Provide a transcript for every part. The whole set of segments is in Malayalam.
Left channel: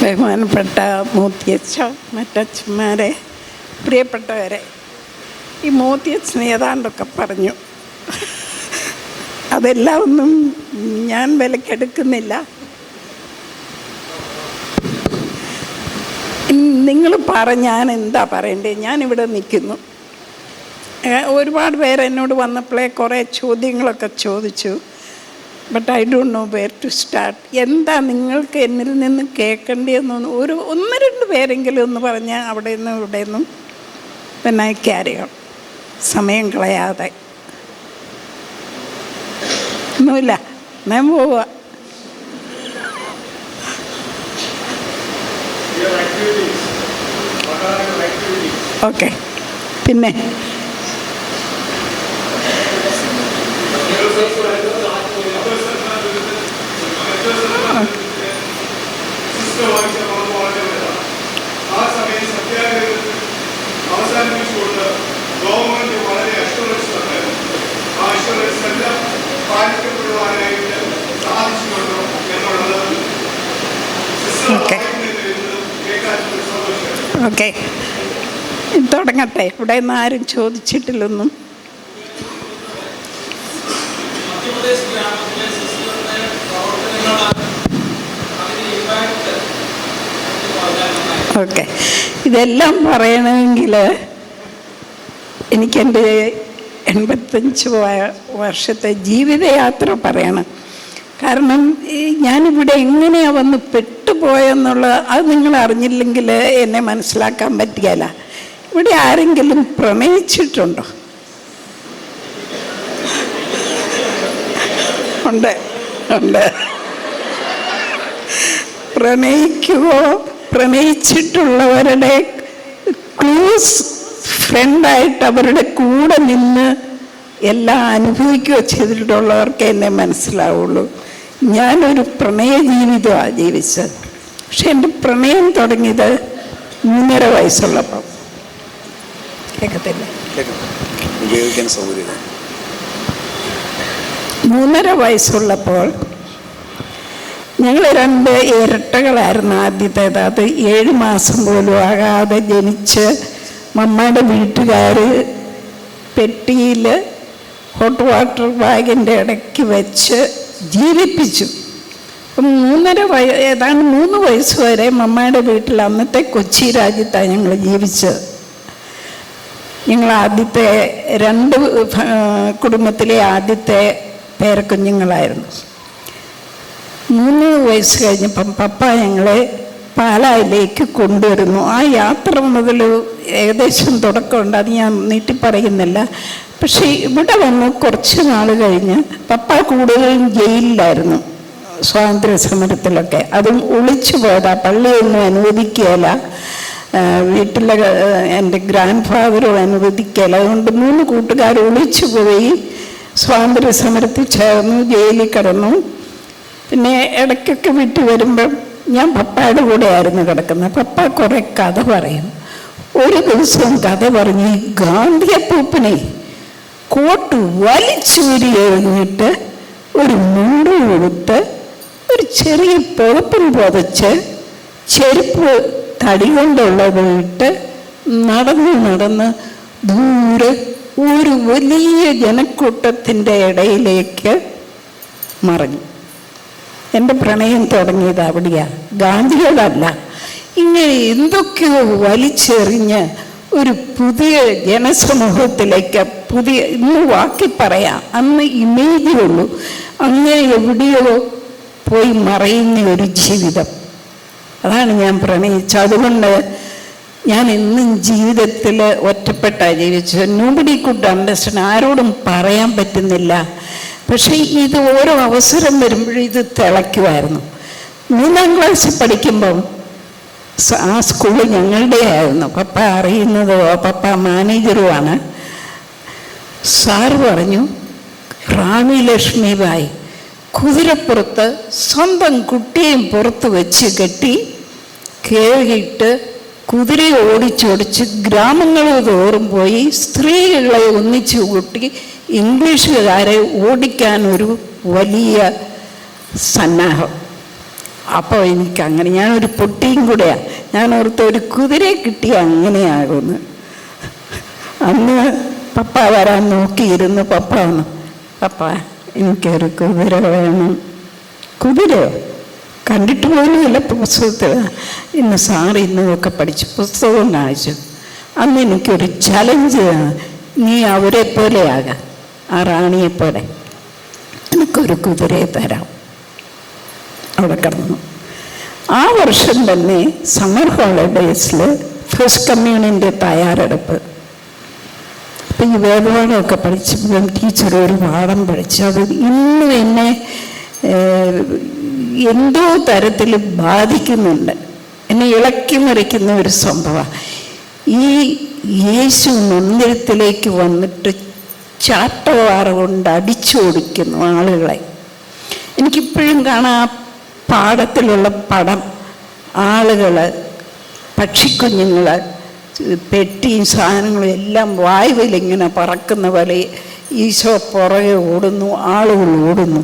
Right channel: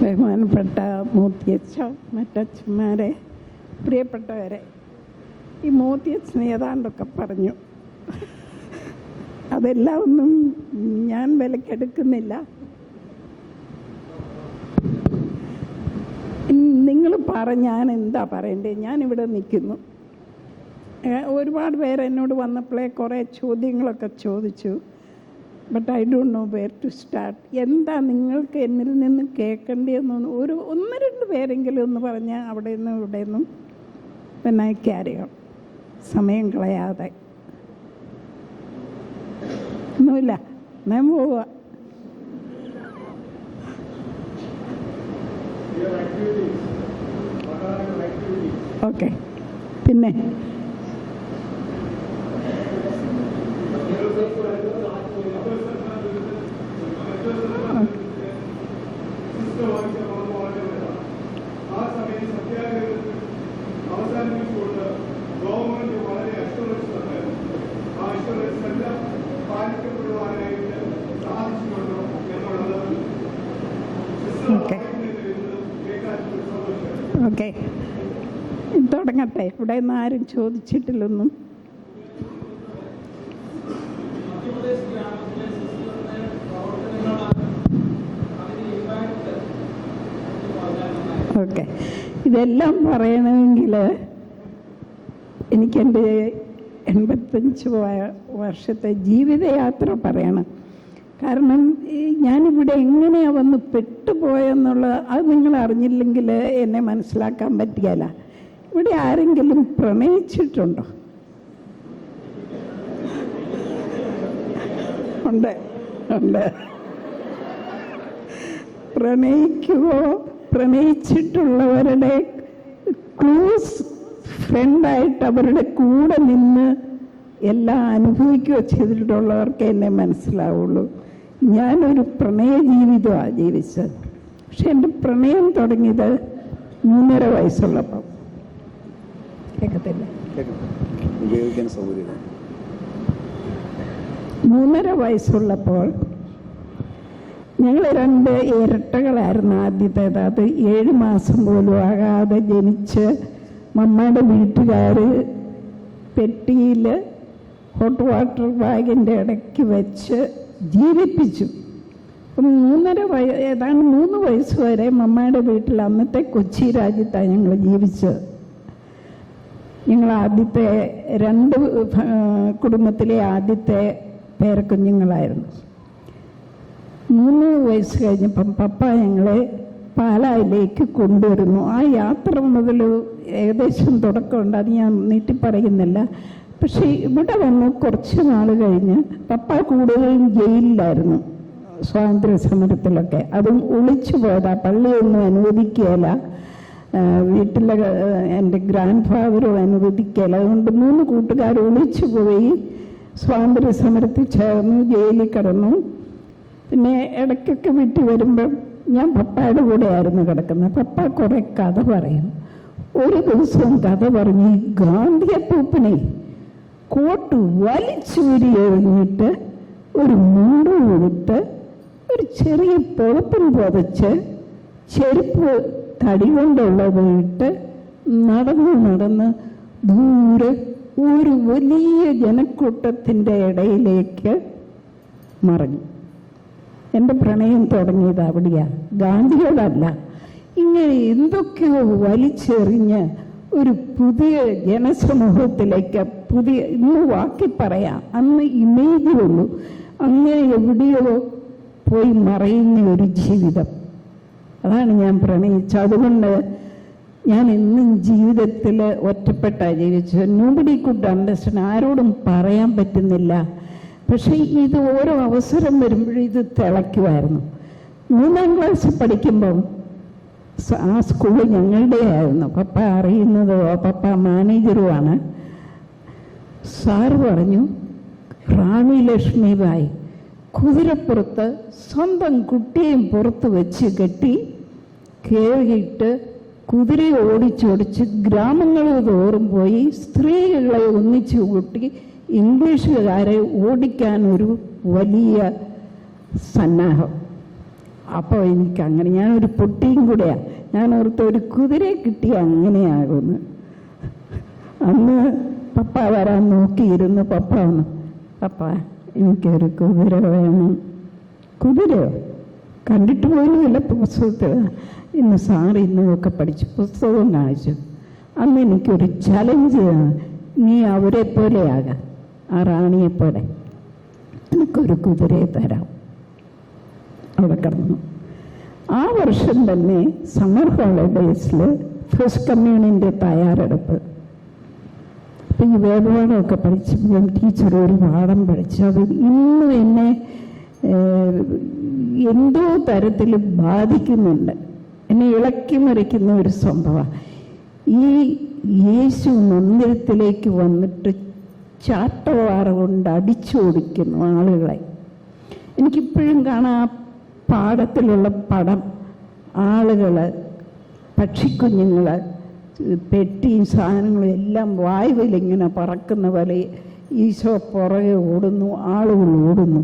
ബഹുമാനപ്പെട്ട മൂത്തിയച്ഛ, മറ്റച്ഛന്മാരെ, പ്രിയപ്പെട്ടവരെ, ഈ മൂത്തിയച്ഛൻ ഏതാണ്ടൊക്കെ പറഞ്ഞു. അതെല്ലാം ഒന്നും ഞാൻ വിലക്കെടുക്കുന്നില്ല. നിങ്ങൾ ഞാൻ എന്താ പറയണ്ടേ? ഞാനിവിടെ നിൽക്കുന്നു. ഒരുപാട് പേര് എന്നോട് വന്നപ്പോഴേ കുറേ ചോദ്യങ്ങളൊക്കെ ചോദിച്ചു. But I don't know where to start. എന്താ നിങ്ങൾക്ക് എന്നിൽ നിന്ന് കേൾക്കേണ്ടതെന്നൊന്ന് ഒന്ന് രണ്ട് പേരെങ്കിലും ഒന്ന് പറഞ്ഞാൽ അവിടെ നിന്നും ഇവിടെ നിന്നും പിന്നെ ക്യാരി ഓൺ, സമയം കളയാതെ. ഒന്നുമില്ല, ഞാൻ പോവുക. ഓക്കെ. പിന്നെ ഓക്കെ, തുടങ്ങട്ടെ. ഇവിടെ നിന്ന് ആരും ചോദിച്ചിട്ടില്ലൊന്നും. ഓക്കെ, ഇതെല്ലാം പറയണമെങ്കിൽ എനിക്കെൻ്റെ 85 വർഷത്തെ ജീവിതയാത്ര പറയണം. കാരണം ഞാനിവിടെ എങ്ങനെയാണ് വന്ന് പെട്ടുപോയെന്നുള്ളത് അത് നിങ്ങൾ അറിഞ്ഞില്ലെങ്കിൽ എന്നെ മനസ്സിലാക്കാൻ പറ്റുകയില്ല. ഇവിടെ ആരെങ്കിലും പ്രണയിച്ചിട്ടുണ്ടോ? ഉണ്ട്. പ്രണയിച്ചിട്ടുള്ളവരുടെ ക്ലോസ് ഫ്രണ്ടായിട്ട് അവരുടെ കൂടെ നിന്ന് എല്ലാം അനുഭവിക്കുകയോ ചെയ്തിട്ടുള്ളവർക്ക് എന്നെ മനസ്സിലാവുള്ളൂ. ഞാനൊരു പ്രണയ ജീവിതമാണ് ജീവിച്ചത്. പക്ഷെ എൻ്റെ പ്രണയം തുടങ്ങിയത് 3.5 വയസ്സുള്ളപ്പോൾ. കേൾക്കത്തില്ല? 3.5 വയസ്സുള്ളപ്പോൾ ഞങ്ങൾ 2 ഇരട്ടകളായിരുന്നു. ആദ്യത്തേത് അത് 7 മാസം പോലും ആകാതെ ജനിച്ച് മമ്മയുടെ വീട്ടുകാർ പെട്ടിയിൽ ഹോട്ട് വാട്ടർ ബാഗിൻ്റെ ഇടയ്ക്ക് വെച്ച് ജീവിപ്പിച്ചു. അപ്പം 3 വയസ്സ് വരെ മമ്മയുടെ വീട്ടിൽ, അന്നത്തെ കൊച്ചി രാജ്യത്താണ് ഞങ്ങൾ ജീവിച്ചത്. ഞങ്ങൾ ആദ്യത്തെ 2 കുടുംബത്തിലെ ആദ്യത്തെ പേരക്കുഞ്ഞുങ്ങളായിരുന്നു. 3 വയസ്സ് കഴിഞ്ഞപ്പം പപ്പ ഞങ്ങളെ പാലായിലേക്ക് കൊണ്ടുവരുന്നു. ആ യാത്ര മുതൽ ഏകദേശം തുടക്കമുണ്ട്, അത് ഞാൻ നീട്ടി പറയുന്നില്ല. പക്ഷേ ഇവിടെ വന്ന് കുറച്ച് നാൾ കഴിഞ്ഞ് പപ്പ കൂടുതലും ജയിലിലായിരുന്നു, സ്വാതന്ത്ര്യ സമരത്തിലൊക്കെ. അതും ഒളിച്ചു പോയതാ, പള്ളിയൊന്നും അനുവദിക്കുകയില്ല, വീട്ടിലെ എൻ്റെ ഗ്രാൻഡ് ഫാദറും അനുവദിക്കുകയില്ല. അതുകൊണ്ട് 3 കൂട്ടുകാർ ഒളിച്ചു പോയി സ്വാതന്ത്ര്യ സമരത്തിൽ ചേർന്നു, ജയിലിൽ കിടന്നു. പിന്നെ ഇടയ്ക്കൊക്കെ വിട്ടു വരുമ്പം ഞാൻ പപ്പയുടെ കൂടെ ആയിരുന്നു കിടക്കുന്നത്. പപ്പ കുറേ കഥ പറയും. ഒരു ദിവസം കഥ പറഞ്ഞ് ഗാന്ധിയപ്പൂപ്പനെ കോട്ട് വലിച്ചൂരി എറിഞ്ഞിട്ട് ഒരു മുണ്ട് കൊടുത്ത് ഒരു ചെറിയ പുതപ്പും പുതച്ച് ചെരുപ്പ് തടി കൊണ്ടുള്ളത് ഇട്ട് നടന്ന് ദൂരെ ഒരു വലിയ ജനക്കൂട്ടത്തിൻ്റെ ഇടയിലേക്ക് മറഞ്ഞു. എൻ്റെ പ്രണയം തുടങ്ങിയത് അവിടെയാണ്, ഗാന്ധിയോടല്ല. ഇങ്ങനെ എന്തൊക്കെയോ വലിച്ചെറിഞ്ഞ് ഒരു പുതിയ ജനസമൂഹത്തിലേക്ക്, ഇന്ന് വാക്കി പറയാം, അന്ന് ഇമേജേ ഉള്ളൂ, അങ്ങനെ എവിടെയോ പോയി മറയുന്ന ഒരു ജീവിതം. അതാണ് ഞാൻ പ്രണയിച്ചത്. അതുകൊണ്ട് ഞാൻ എന്നും ജീവിതത്തിൽ ഒറ്റപ്പെട്ടാണ് ജീവിച്ചത്. നോബഡി കുഡ് അണ്ടർസ്റ്റാൻഡ്, ആരോടും പറയാൻ പറ്റുന്നില്ല. പക്ഷേ ഇത് ഓരോ അവസരം വരുമ്പോഴും ഇത് തിളയ്ക്കുമായിരുന്നു. 3-ാം ക്ലാസ്സിൽ പഠിക്കുമ്പം ആ സ്കൂൾ ഞങ്ങളുടെ ആയിരുന്നു. പപ്പ അറിയുന്നത്, പപ്പ മാനേജറുമാണ്. സാറ് പറഞ്ഞു, റാണി ലക്ഷ്മിബായി കുതിരപ്പുറത്ത് സ്വന്തം കുട്ടിയെയും പുറത്ത് വെച്ച് കെട്ടി കേറിയിട്ട് കുതിരയെ ഓടിച്ചോടിച്ച് ഗ്രാമങ്ങൾ തോറും പോയി സ്ത്രീകളെ ഒന്നിച്ചു കൂട്ടി ഇംഗ്ലീഷുകാരെ ഓടിക്കാൻ ഒരു വലിയ സന്നാഹം. അപ്പോൾ എനിക്കങ്ങനെ, ഞാനൊരു പൊട്ടിയും കൂടെയാണ്. ഞാൻ ഓർത്ത് ഒരു കുതിരയെ കിട്ടിയ അങ്ങനെയാകുമെന്ന്. അന്ന് പപ്പ വരാൻ നോക്കിയിരുന്നു. പപ്പ വന്നു, പപ്പ എനിക്കൊരു കുതിര വേണം. കുതിരയോ? കണ്ടിട്ട് പോലുമില്ല പുസ്തകത്തിൽ. ഇന്ന് സാറ് ഇന്നൊക്കെ പഠിച്ച് പുസ്തകം കാണിച്ചു. അന്ന് എനിക്കൊരു ചലഞ്ച്, നീ അവരെ പോലെയാകാം, ആ റാണിയെപ്പോലെ, എനിക്കൊരു കുതിരയെ തരാം. അവിടെ കിടന്നു. ആ വർഷം തന്നെ സമ്മർ ഹോളിഡേയ്സിൽ ഫസ്റ്റ് കമ്മ്യൂണിൻ്റെ തയ്യാറെടുപ്പ്. അപ്പം ഈ വേദപാഠമൊക്കെ പഠിച്ചപ്പോഴും ടീച്ചർ ഒരു പാഠം പഠിച്ചു. അത് ഇന്നും എന്നെ എന്തോ തരത്തിൽ ബാധിക്കുന്നുണ്ട്, എന്നെ ഇളക്കി മറിക്കുന്ന ഒരു സംഭവമാണ്. ഈ യേശു മന്ദിരത്തിലേക്ക് വന്നിട്ട് ചാട്ടവാറ കൊണ്ട് അടിച്ചോടിക്കുന്നു ആളുകളെ. എനിക്കിപ്പോഴും കാണാം ആ പാടത്തിലുള്ള പടം. ആളുകൾ, പക്ഷിക്കുഞ്ഞുങ്ങൾ, പെട്ടിയും സാധനങ്ങളും എല്ലാം വായുവിലിങ്ങനെ പറക്കുന്ന പോലെ ഈശോ പുറകെ ഓടുന്നു, ആളുകൾ ഓടുന്നു.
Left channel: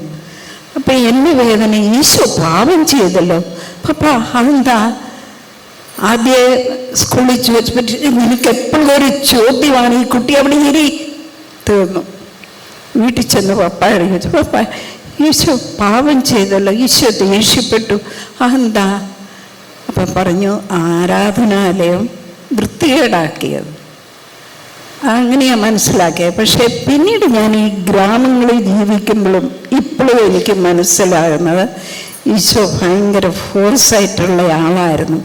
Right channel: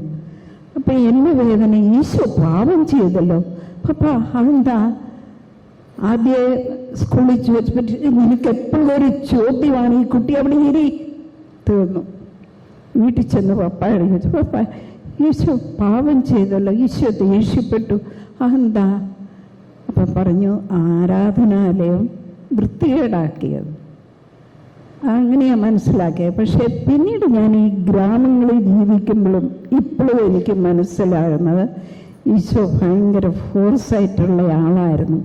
അപ്പം എന്നെ വേദന, ഈശോ പാപം ചെയ്തല്ലോ. പപ്പ അതെന്താ? ആദ്യ സ്കൂളിൽ ചോദിച്ചപ്പോൾ എനിക്ക് എപ്പോഴും ഒരു ചോദ്യമാണ്, ഈ കുട്ടി അവിടെ ഇരി. തീർന്നു. വീട്ടിൽ ചെന്ന് പപ്പായോട് ചോദിച്ചു, പപ്പ ഈശോ പാപം ചെയ്തല്ലോ, ഈശോ ദേഷ്യപ്പെട്ടു, അതെന്താ? അപ്പം പറഞ്ഞു, ആരാധനാലയം വൃത്തികേടാക്കിയത്. അങ്ങനെയാണ് മനസ്സിലാക്കിയത്. പക്ഷേ പിന്നീട് ഞാൻ ഈ ഗ്രാമങ്ങളിൽ ജീവിക്കുമ്പോഴും ഇപ്പോഴും എനിക്ക് മനസ്സിലാകുന്നത് ഈശോ ഭയങ്കര ഫോഴ്സായിട്ടുള്ള ആളായിരുന്നു.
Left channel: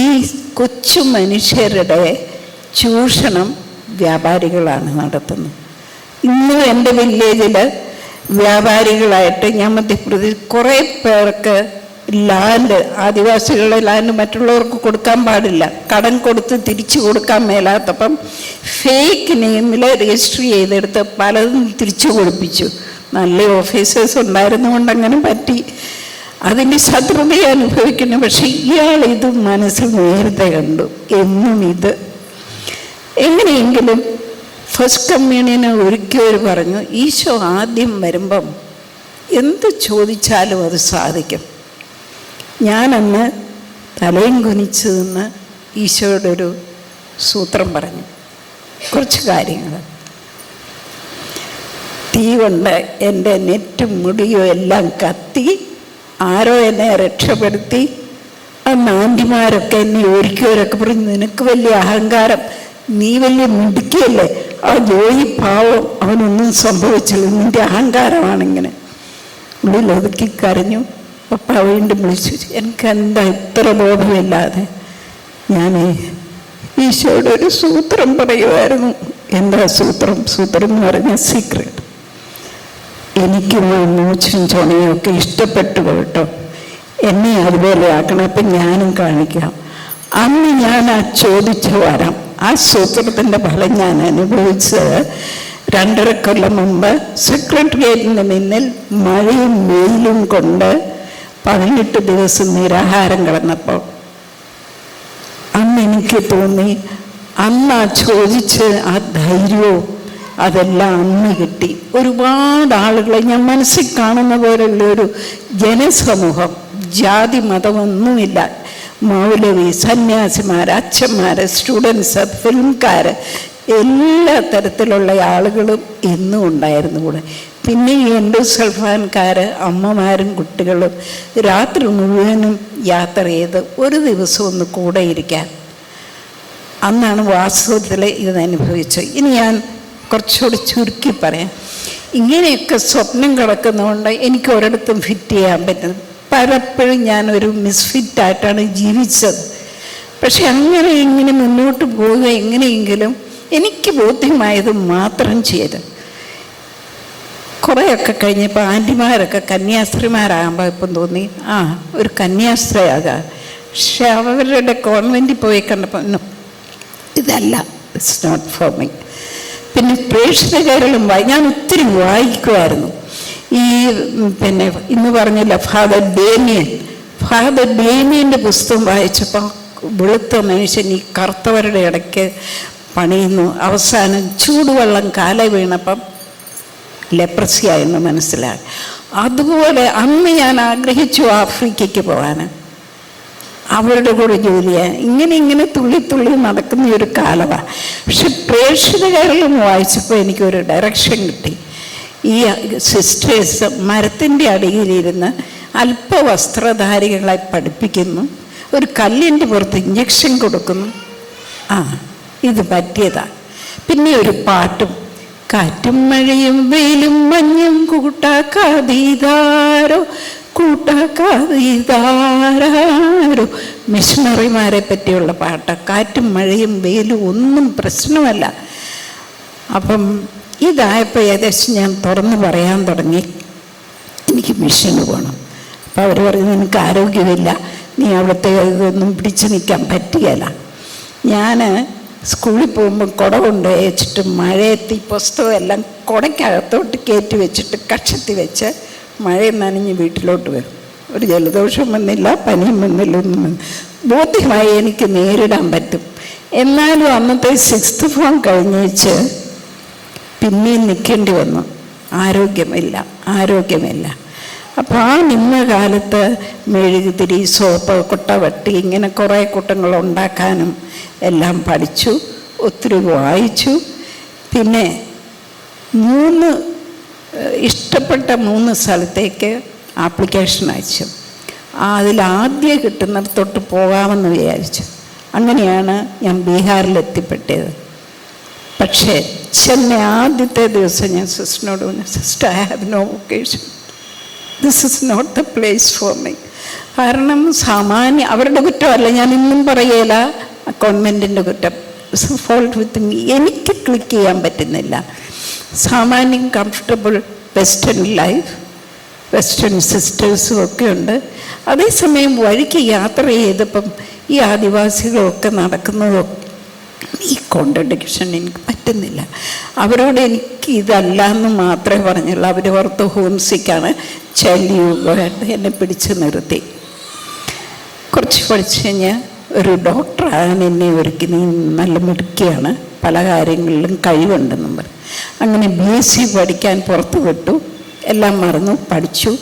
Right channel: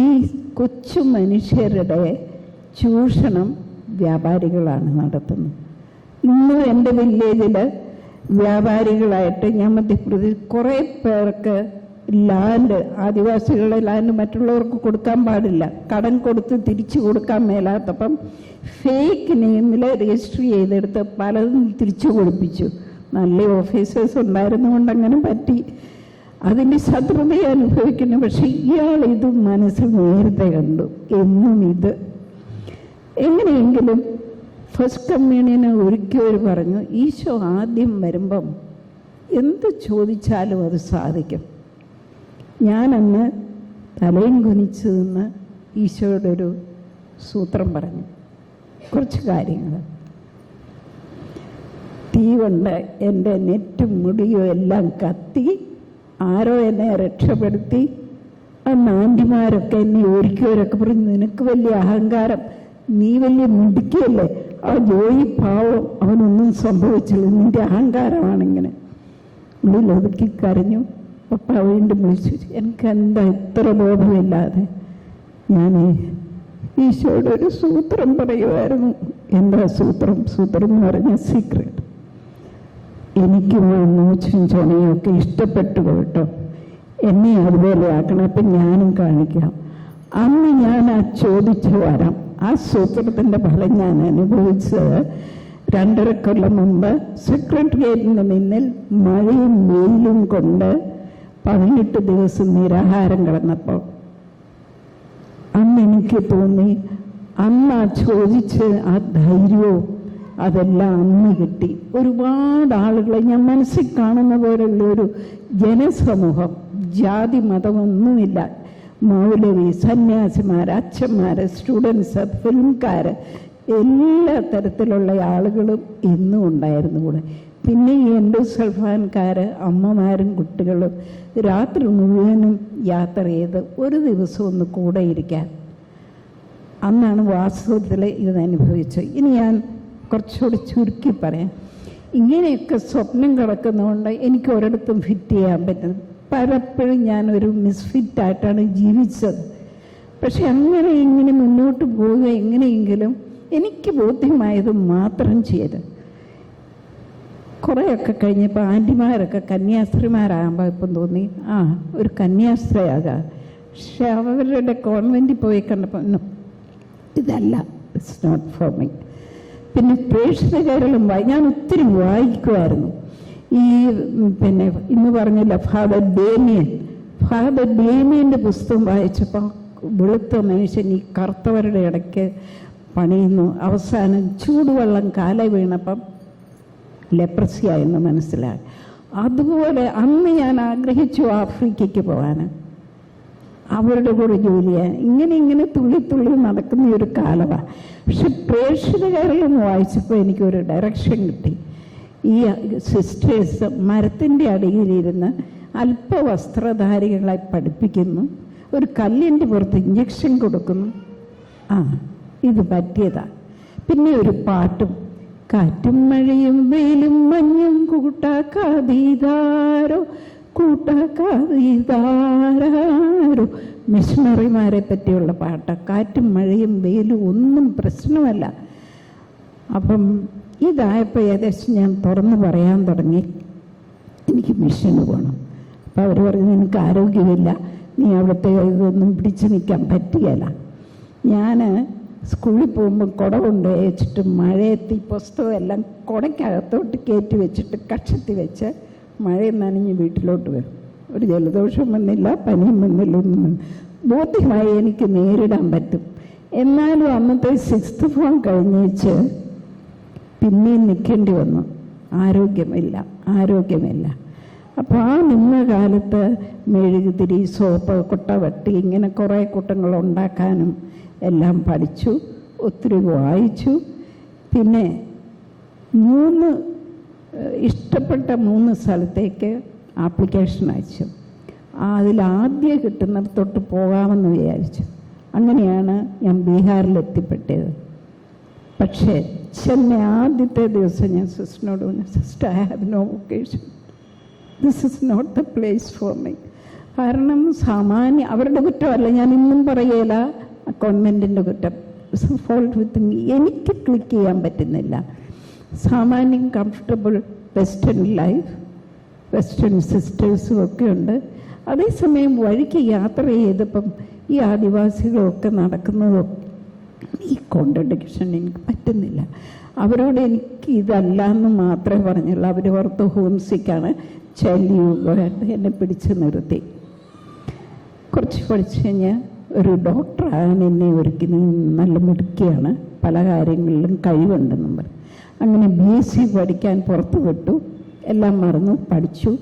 ഈ കൊച്ചു മനുഷ്യരുടെ ചൂഷണം വ്യാപാരികളാണ് നടത്തുന്നത്. ഇന്നും എൻ്റെ വില്ലേജിൽ വ്യാപാരികളായിട്ട് ഞാൻ മധ്യപ്രദേശ് കുറേ പേർക്ക് ലാൻഡ്, ആദിവാസികളുടെ ലാൻഡ് മറ്റുള്ളവർക്ക് കൊടുക്കാൻ പാടില്ല, കടം കൊടുത്ത് തിരിച്ചു കൊടുക്കാൻ മേലാത്തപ്പം ഫേക്ക് നെയിമിൽ രജിസ്റ്റർ ചെയ്തെടുത്ത് പലതും തിരിച്ചു കൊടുപ്പിച്ചു. നല്ല ഓഫീസേഴ്സ് ഉണ്ടായിരുന്നുകൊണ്ട് അങ്ങനെ പറ്റി. അതിൻ്റെ ശത്രുതയെ അനുഭവിക്കുന്നു. പക്ഷെ ഇയാൾ ഇത് മനസ്സിൽ നേരത്തെ കണ്ടു. എന്നും ഇത് എങ്ങനെയെങ്കിലും ഫസ്റ്റ് കമ്മ്യൂണിയന് ഒരിക്കൽ പറഞ്ഞു, ഈശോ ആദ്യം വരുമ്പം എന്ത് ചോദിച്ചാലും അത് സാധിക്കും. ഞാനന്ന് തലയും കുനിച്ച് നിന്ന് ഈശോയോടൊരു സൂത്രം പറഞ്ഞു, കുറച്ച് കാര്യങ്ങൾ. തീ കൊണ്ട് എൻ്റെ നെറ്റും മുടിയും എല്ലാം കത്തി, ആരോ എന്നെ രക്ഷപ്പെടുത്തി. അന്ന് ആൻറ്റിമാരൊക്കെ എന്നെ ഒരിക്കലൊക്കെ പറഞ്ഞു, നിനക്ക് വലിയ അഹങ്കാരം, നീ വലിയ മിടുക്കിയല്ലേ, ആ ജോയി പാവം, അവനൊന്നും സംഭവിച്ചില്ല, നിൻ്റെ അഹങ്കാരമാണിങ്ങനെ. ഉള്ളിൽ ഒതുക്കി കരഞ്ഞു. പപ്പ വീണ്ടും വിളിച്ചു, എനിക്കെന്താ ഇത്ര ബോധമില്ലാതെ. ഞാൻ ഈശോയുടെ ഒരു സൂത്രം പറയുമായിരുന്നു. എന്താ സൂത്രം? സൂത്രം എന്ന് പറഞ്ഞാൽ സീക്രട്ട്. എനിക്കും ആ മൂച്ചും ചുണയും ഒക്കെ ഇഷ്ടപ്പെട്ടു കേട്ടോ, എന്നെ അതുപോലെ ആക്കണം, അപ്പം ഞാനും കാണിക്കാം. അന്ന് ഞാൻ ആ ചോദിച്ച വരം, ആ സൂത്രത്തിൻ്റെ ഫലം ഞാൻ അനുഭവിച്ചത് 2.5 കൊല്ലം മുമ്പ് സെക്രട്ടേറിയറ്റിന് മുന്നിൽ മഴയും വെയിലും കൊണ്ട് 18 ദിവസം നിരാഹാരം കിടന്നപ്പോൾ അന്ന് എനിക്ക് തോന്നി, അന്ന് ആ ചോദിച്ച് ആ ധൈര്യവും അതെല്ലാം അന്ന് കിട്ടി. ഒരുപാട് ആളുകളെ ഞാൻ മനസ്സിൽ കാണുന്ന പോലുള്ളൊരു ജനസമൂഹം, ജാതി മതമൊന്നുമില്ല, മൗലവി, സന്യാസിമാർ, അച്ഛന്മാർ, സ്റ്റുഡൻസ്, ഫിലിംകാർ, എല്ലാ തരത്തിലുള്ള ആളുകളും എന്നും ഉണ്ടായിരുന്നു കൂടെ. പിന്നെ ഈ എൻഡോസൾഫാൻകാർ, അമ്മമാരും കുട്ടികളും രാത്രി മുഴുവനും യാത്ര ചെയ്ത് ഒരു ദിവസം ഒന്ന് കൂടെ ഇരിക്കാൻ. അന്നാണ് വാസ്തവത്തിൽ ഇതനുഭവിച്ചത്. ഇനി ഞാൻ കുറച്ചുകൂടി ചുരുക്കി പറയാം. ഇങ്ങനെയൊക്കെ സ്വപ്നം കിടക്കുന്നതുകൊണ്ട് എനിക്ക് ഒരിടത്തും ഫിറ്റ് ചെയ്യാൻ പറ്റുന്നത്. പലപ്പോഴും ഞാനൊരു മിസ്ഫിറ്റായിട്ടാണ് ജീവിച്ചത്. പക്ഷെ അങ്ങനെ ഇങ്ങനെ മുന്നോട്ട് പോവുക എങ്ങനെയെങ്കിലും എനിക്ക് ബോധ്യമായത് മാത്രം ചെയ്ത് കുറേയൊക്കെ കഴിഞ്ഞപ്പോൾ ആൻറ്റിമാരൊക്കെ കന്യാസ്ത്രീമാരാകുമ്പോൾ ഇപ്പം തോന്നി ഒരു കന്യാസ്ത്രീയാകാം. പക്ഷെ അവരുടെ കോൺവെൻറ്റിൽ പോയി കണ്ടപ്പോൾ ഇതല്ല, ഇറ്റ്സ് നോട്ട് ഫോർ മീ. പിന്നെ പ്രേക്ഷിതകേരളം ഞാൻ ഒത്തിരി വായിക്കുമായിരുന്നു. ഈ പിന്നെ ഇന്ന് പറഞ്ഞില്ല ഫാദർ ഡേമിയൻ്റെ പുസ്തകം വായിച്ചപ്പോൾ വെളുത്ത മനുഷ്യൻ ഈ കറുത്തവരുടെ ഇടയ്ക്ക് പണിയുന്നു, അവസാനം ചൂടുവെള്ളം കാല വീണപ്പം ലെപ്രസിയായെന്ന് മനസ്സിലായി. അതുപോലെ അന്ന് ഞാൻ ആഗ്രഹിച്ചു ആഫ്രിക്കയ്ക്ക് പോകാൻ, അവരുടെ കൂടെ ജോലി ചെയ്യാൻ. ഇങ്ങനെ തുള്ളി നടക്കുന്ന ഒരു കാലമാണ്. പക്ഷെ പ്രേക്ഷിത കേരളം വായിച്ചപ്പോൾ എനിക്കൊരു ഡയറക്ഷൻ കിട്ടി. ഈ സിസ്റ്റേഴ്സ് മരത്തിൻ്റെ അടിയിലിരുന്ന് അല്പവസ്ത്രധാരികളെ പഠിപ്പിക്കുന്നു, ഒരു കല്ലിൻ്റെ പുറത്ത് ഇഞ്ചക്ഷൻ കൊടുക്കുന്നു. ഇത് പറ്റിയതാണ്. പിന്നെ ഒരു പാട്ടും, കാറ്റും മഴയും വെയിലും മഞ്ഞും കൂട്ടാക്കാതീതാരോ മിഷണറിമാരെ പറ്റിയുള്ള പാട്ട്. കാറ്റും മഴയും വെയിലും ഒന്നും പ്രശ്നമല്ല. അപ്പം ഇതായപ്പോൾ ഏകദേശം ഞാൻ തുറന്ന് പറയാൻ തുടങ്ങി, എനിക്ക് മിഷന് പോകണം. അപ്പോൾ അവർ പറഞ്ഞു, നിനക്ക് ആരോഗ്യമില്ല, നീ അവിടുത്തെ ഇതൊന്നും പിടിച്ചു നിൽക്കാൻ പറ്റുകയില്ല. ഞാൻ സ്കൂളിൽ പോകുമ്പോൾ കുട കൊണ്ട് വെച്ചിട്ട് മഴയത്ത് ഈ പുസ്തകം എല്ലാം കുടയ്ക്കകത്തോട്ട് കയറ്റി വെച്ചിട്ട് കക്ഷത്തി വെച്ച് മഴയും നനഞ്ഞ് വീട്ടിലോട്ട് വരും. ഒരു ജലദോഷം വന്നില്ല, പനിയും വന്നില്ല, ഒന്നും വന്നില്ല. ബോധ്യമായി എനിക്ക് നേരിടാൻ പറ്റും. എന്നാലും അന്നത്തെ 6th ഫോം കഴിഞ്ഞേച്ച് പിന്നെയും നിൽക്കേണ്ടി വന്നു. ആരോഗ്യമില്ല. അപ്പോൾ ആ നിന്ന കാലത്ത് മെഴുകുതിരി, സോപ്പ്, കൊട്ടവട്ടി, ഇങ്ങനെ കുറേ കൂട്ടങ്ങൾ ഉണ്ടാക്കാനും എല്ലാം പഠിച്ചു, ഒത്തിരി വായിച്ചു. പിന്നെ ഇഷ്ടപ്പെട്ട 3 സ്ഥലത്തേക്ക് ആപ്ലിക്കേഷൻ അയച്ചു. അതിലാദ്യം കിട്ടുന്നിടത്തോട്ട് പോകാമെന്ന് വിചാരിച്ചു. അങ്ങനെയാണ് ഞാൻ ബീഹാറിലെത്തിപ്പെട്ടത്. പക്ഷേ ചെന്നൈ ആദ്യത്തെ ദിവസം ഞാൻ സിസ്റ്ററിനോട് പറഞ്ഞു, sister, I have no vocation, this is not the place for me. കാരണം അവരുടെ കുറ്റമല്ല, ഞാൻ ഇന്നും പറയല കോൺവെൻറ്റിൻ്റെ കുറ്റം, ഫോൾട്ട് വിത്ത് മീ. എനിക്ക് ക്ലിക്ക് ചെയ്യാൻ പറ്റുന്നില്ല. സാമാന്യം കംഫർട്ടബിൾ വെസ്റ്റേൺ ലൈഫ്, വെസ്റ്റേൺ സിസ്റ്റേഴ്സും ഒക്കെ ഉണ്ട്. അതേസമയം വഴിക്ക് യാത്ര ചെയ്തപ്പം ഈ ആദിവാസികളൊക്കെ നടക്കുന്നതും ഈ കോൺട്രഡിക്ഷൻ എനിക്ക് പറ്റുന്നില്ല. അവരോട് എനിക്ക് ഇതല്ല എന്ന് മാത്രമേ പറഞ്ഞുള്ളൂ. അവർ ഓർത്ത് ഹോംസിക്കാണ്, ചലിയുമായിട്ട് എന്നെ പിടിച്ചു നിർത്തി. കുറച്ച് പഠിച്ചു കഴിഞ്ഞാൽ ഒരു ഡോക്ടറാണ് എന്നെ ഒരുക്കി, നീ നല്ല മിടുക്കിയാണ്, പല കാര്യങ്ങളിലും കഴിവുണ്ടെന്നും പറഞ്ഞു. അങ്ങനെ BSc പഠിക്കാൻ പുറത്ത് വിട്ടു. എല്ലാം മറന്നു, പഠിച്ചു.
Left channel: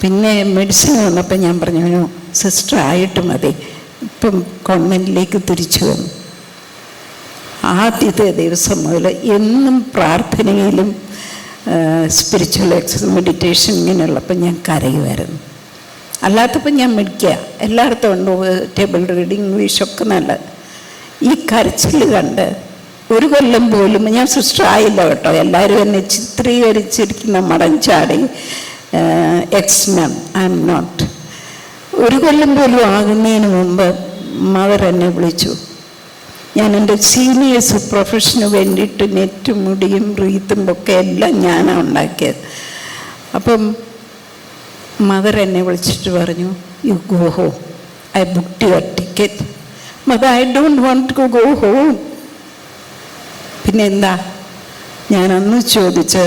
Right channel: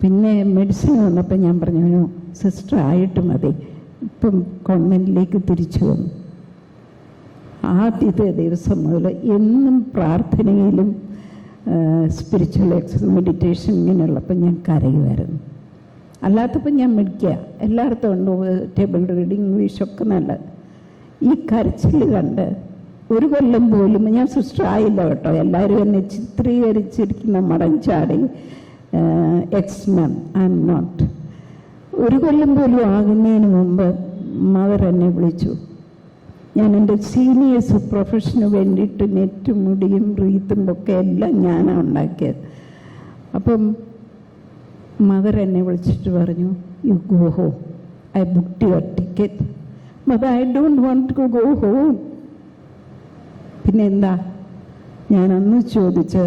പിന്നെ മെഡിസിൻ വന്നപ്പോൾ ഞാൻ പറഞ്ഞു, സിസ്റ്റർ ആയിട്ട് മതി, ഇപ്പം കോൺവെൻറ്റിലേക്ക് തിരിച്ചു വന്നു. ആദ്യത്തെ ദിവസം മുതൽ എന്നും പ്രാർത്ഥനയിലും സ്പിരിച്വൽ മെഡിറ്റേഷൻ ഇങ്ങനെയുള്ളപ്പോൾ ഞാൻ കരയുമായിരുന്നു. അല്ലാത്തപ്പോൾ ഞാൻ മിടിക്കുക, എല്ലായിടത്തും ഉണ്ട് ടേബിൾ റീഡിങ്, ഇംഗ്ലീഷൊക്കെ നല്ലത്. ഈ കരച്ചിൽ കണ്ട് 1 കൊല്ലം പോലും ഞാൻ സിസ്റ്റർ ആയില്ല കേട്ടോ. എല്ലാവരും എന്നെ ചിത്രീകരിച്ചിരിക്കുന്ന മടഞ്ചാടി, എക്സ്-നൺ, ഐ എം നോട്ട്. 1 കൊല്ലം പോലും ആകുന്നതിന് മുമ്പ് മദർ എന്നെ വിളിച്ചു. ഞാൻ എൻ്റെ സീനിയേഴ്സ് പ്രൊഫഷന് വേണ്ടിയിട്ട് നെറ്റും മുടിയും റീത്തും ഒക്കെ എല്ലാം ഞാനാണ് ഉണ്ടാക്കിയത്. അപ്പം മദർ എന്നെ വിളിച്ചിട്ട് പറഞ്ഞു, you go home, I booked your ticket. Mother, I don't want to go home. പിന്നെ എന്താ ഞാൻ അന്ന് ചോദിച്ച്,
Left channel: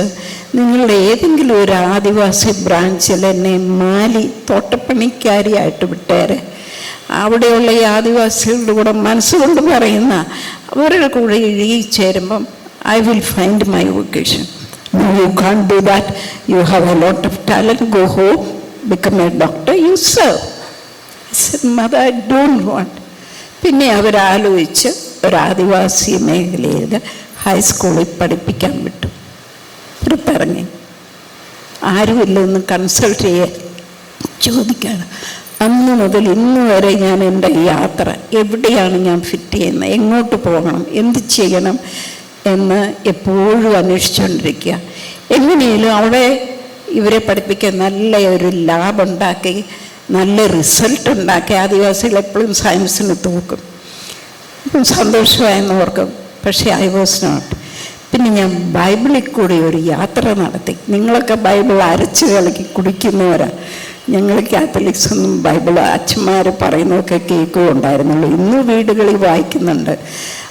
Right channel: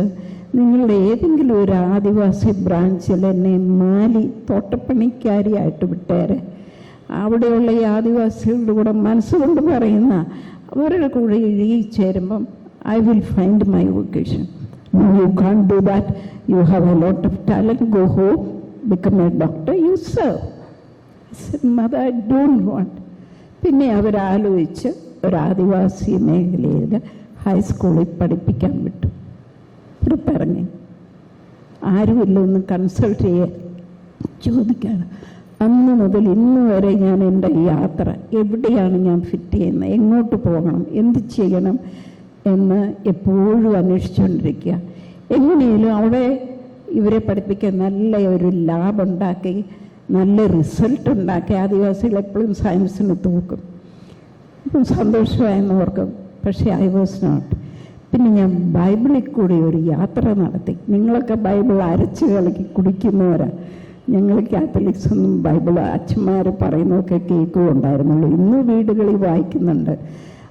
നിങ്ങളുടെ ഏതെങ്കിലും ഒരു ആദിവാസി ബ്രാഞ്ചിൽ എന്നെ മാലി തോട്ടപ്പണിക്കാരിയായിട്ട് വിട്ടേരെ. അവിടെയുള്ള ഈ ആദിവാസികളുടെ കൂടെ മനസ്സുകൊണ്ട് പറയുന്ന അവരുടെ കൂടെ ഇഴുകിച്ചേരുമ്പം I will find my vocation. No, you can't do that. You have a lot of talent. Go home, become a doctor, you serve. I said, Mother, I don't want. പിന്നെ അവരാലോചിച്ച് ഒരു ആദിവാസി മേഖലയിൽ ഹൈസ്കൂളിൽ പഠിപ്പിക്കാൻ വിട്ടു. പുറത്തിറങ്ങി. ആരുമില്ലെന്ന് കൺസൾട്ട് ചെയ്യാൻ ചോദിക്കുകയാണ്. അന്ന് മുതൽ ഇന്ന് വരെ ഞാൻ എൻ്റെ യാത്ര എവിടെയാണ് ഞാൻ ഫിറ്റ് ചെയ്യുന്നത്, എങ്ങോട്ട് പോകണം, എന്ത് ചെയ്യണം എന്ന് എപ്പോഴും അന്വേഷിച്ചുകൊണ്ടിരിക്കുക. എങ്ങനെയും അവിടെ ഇവരെ പഠിപ്പിക്കാൻ നല്ല ഒരു ലാബ് ഉണ്ടാക്കി, നല്ല റിസൾട്ട് ഉണ്ടാക്കി. ആദിവാസികൾ എപ്പോഴും സയൻസിന് തൂക്കും. അപ്പം സന്തോഷമായെന്ന് ഓർക്കും. പക്ഷേ ഐ വാസ് നോട്ട്. പിന്നെ ഞാൻ ബൈബിളിൽ കൂടി ഒരു യാത്ര നടത്തി. നിങ്ങളൊക്കെ ബൈബിൾ അരച്ച് കളിക്ക് കുടിക്കുന്നവരാണ്. ഞങ്ങൾ കാത്തലിക്സ് ഒന്നും ബൈബിൾ അച്ഛന്മാർ പറയുന്നതൊക്കെ കേൾക്കുകയുണ്ടായിരുന്നുള്ളൂ. ഇന്ന് വീടുകളിൽ വായിക്കുന്നുണ്ട്.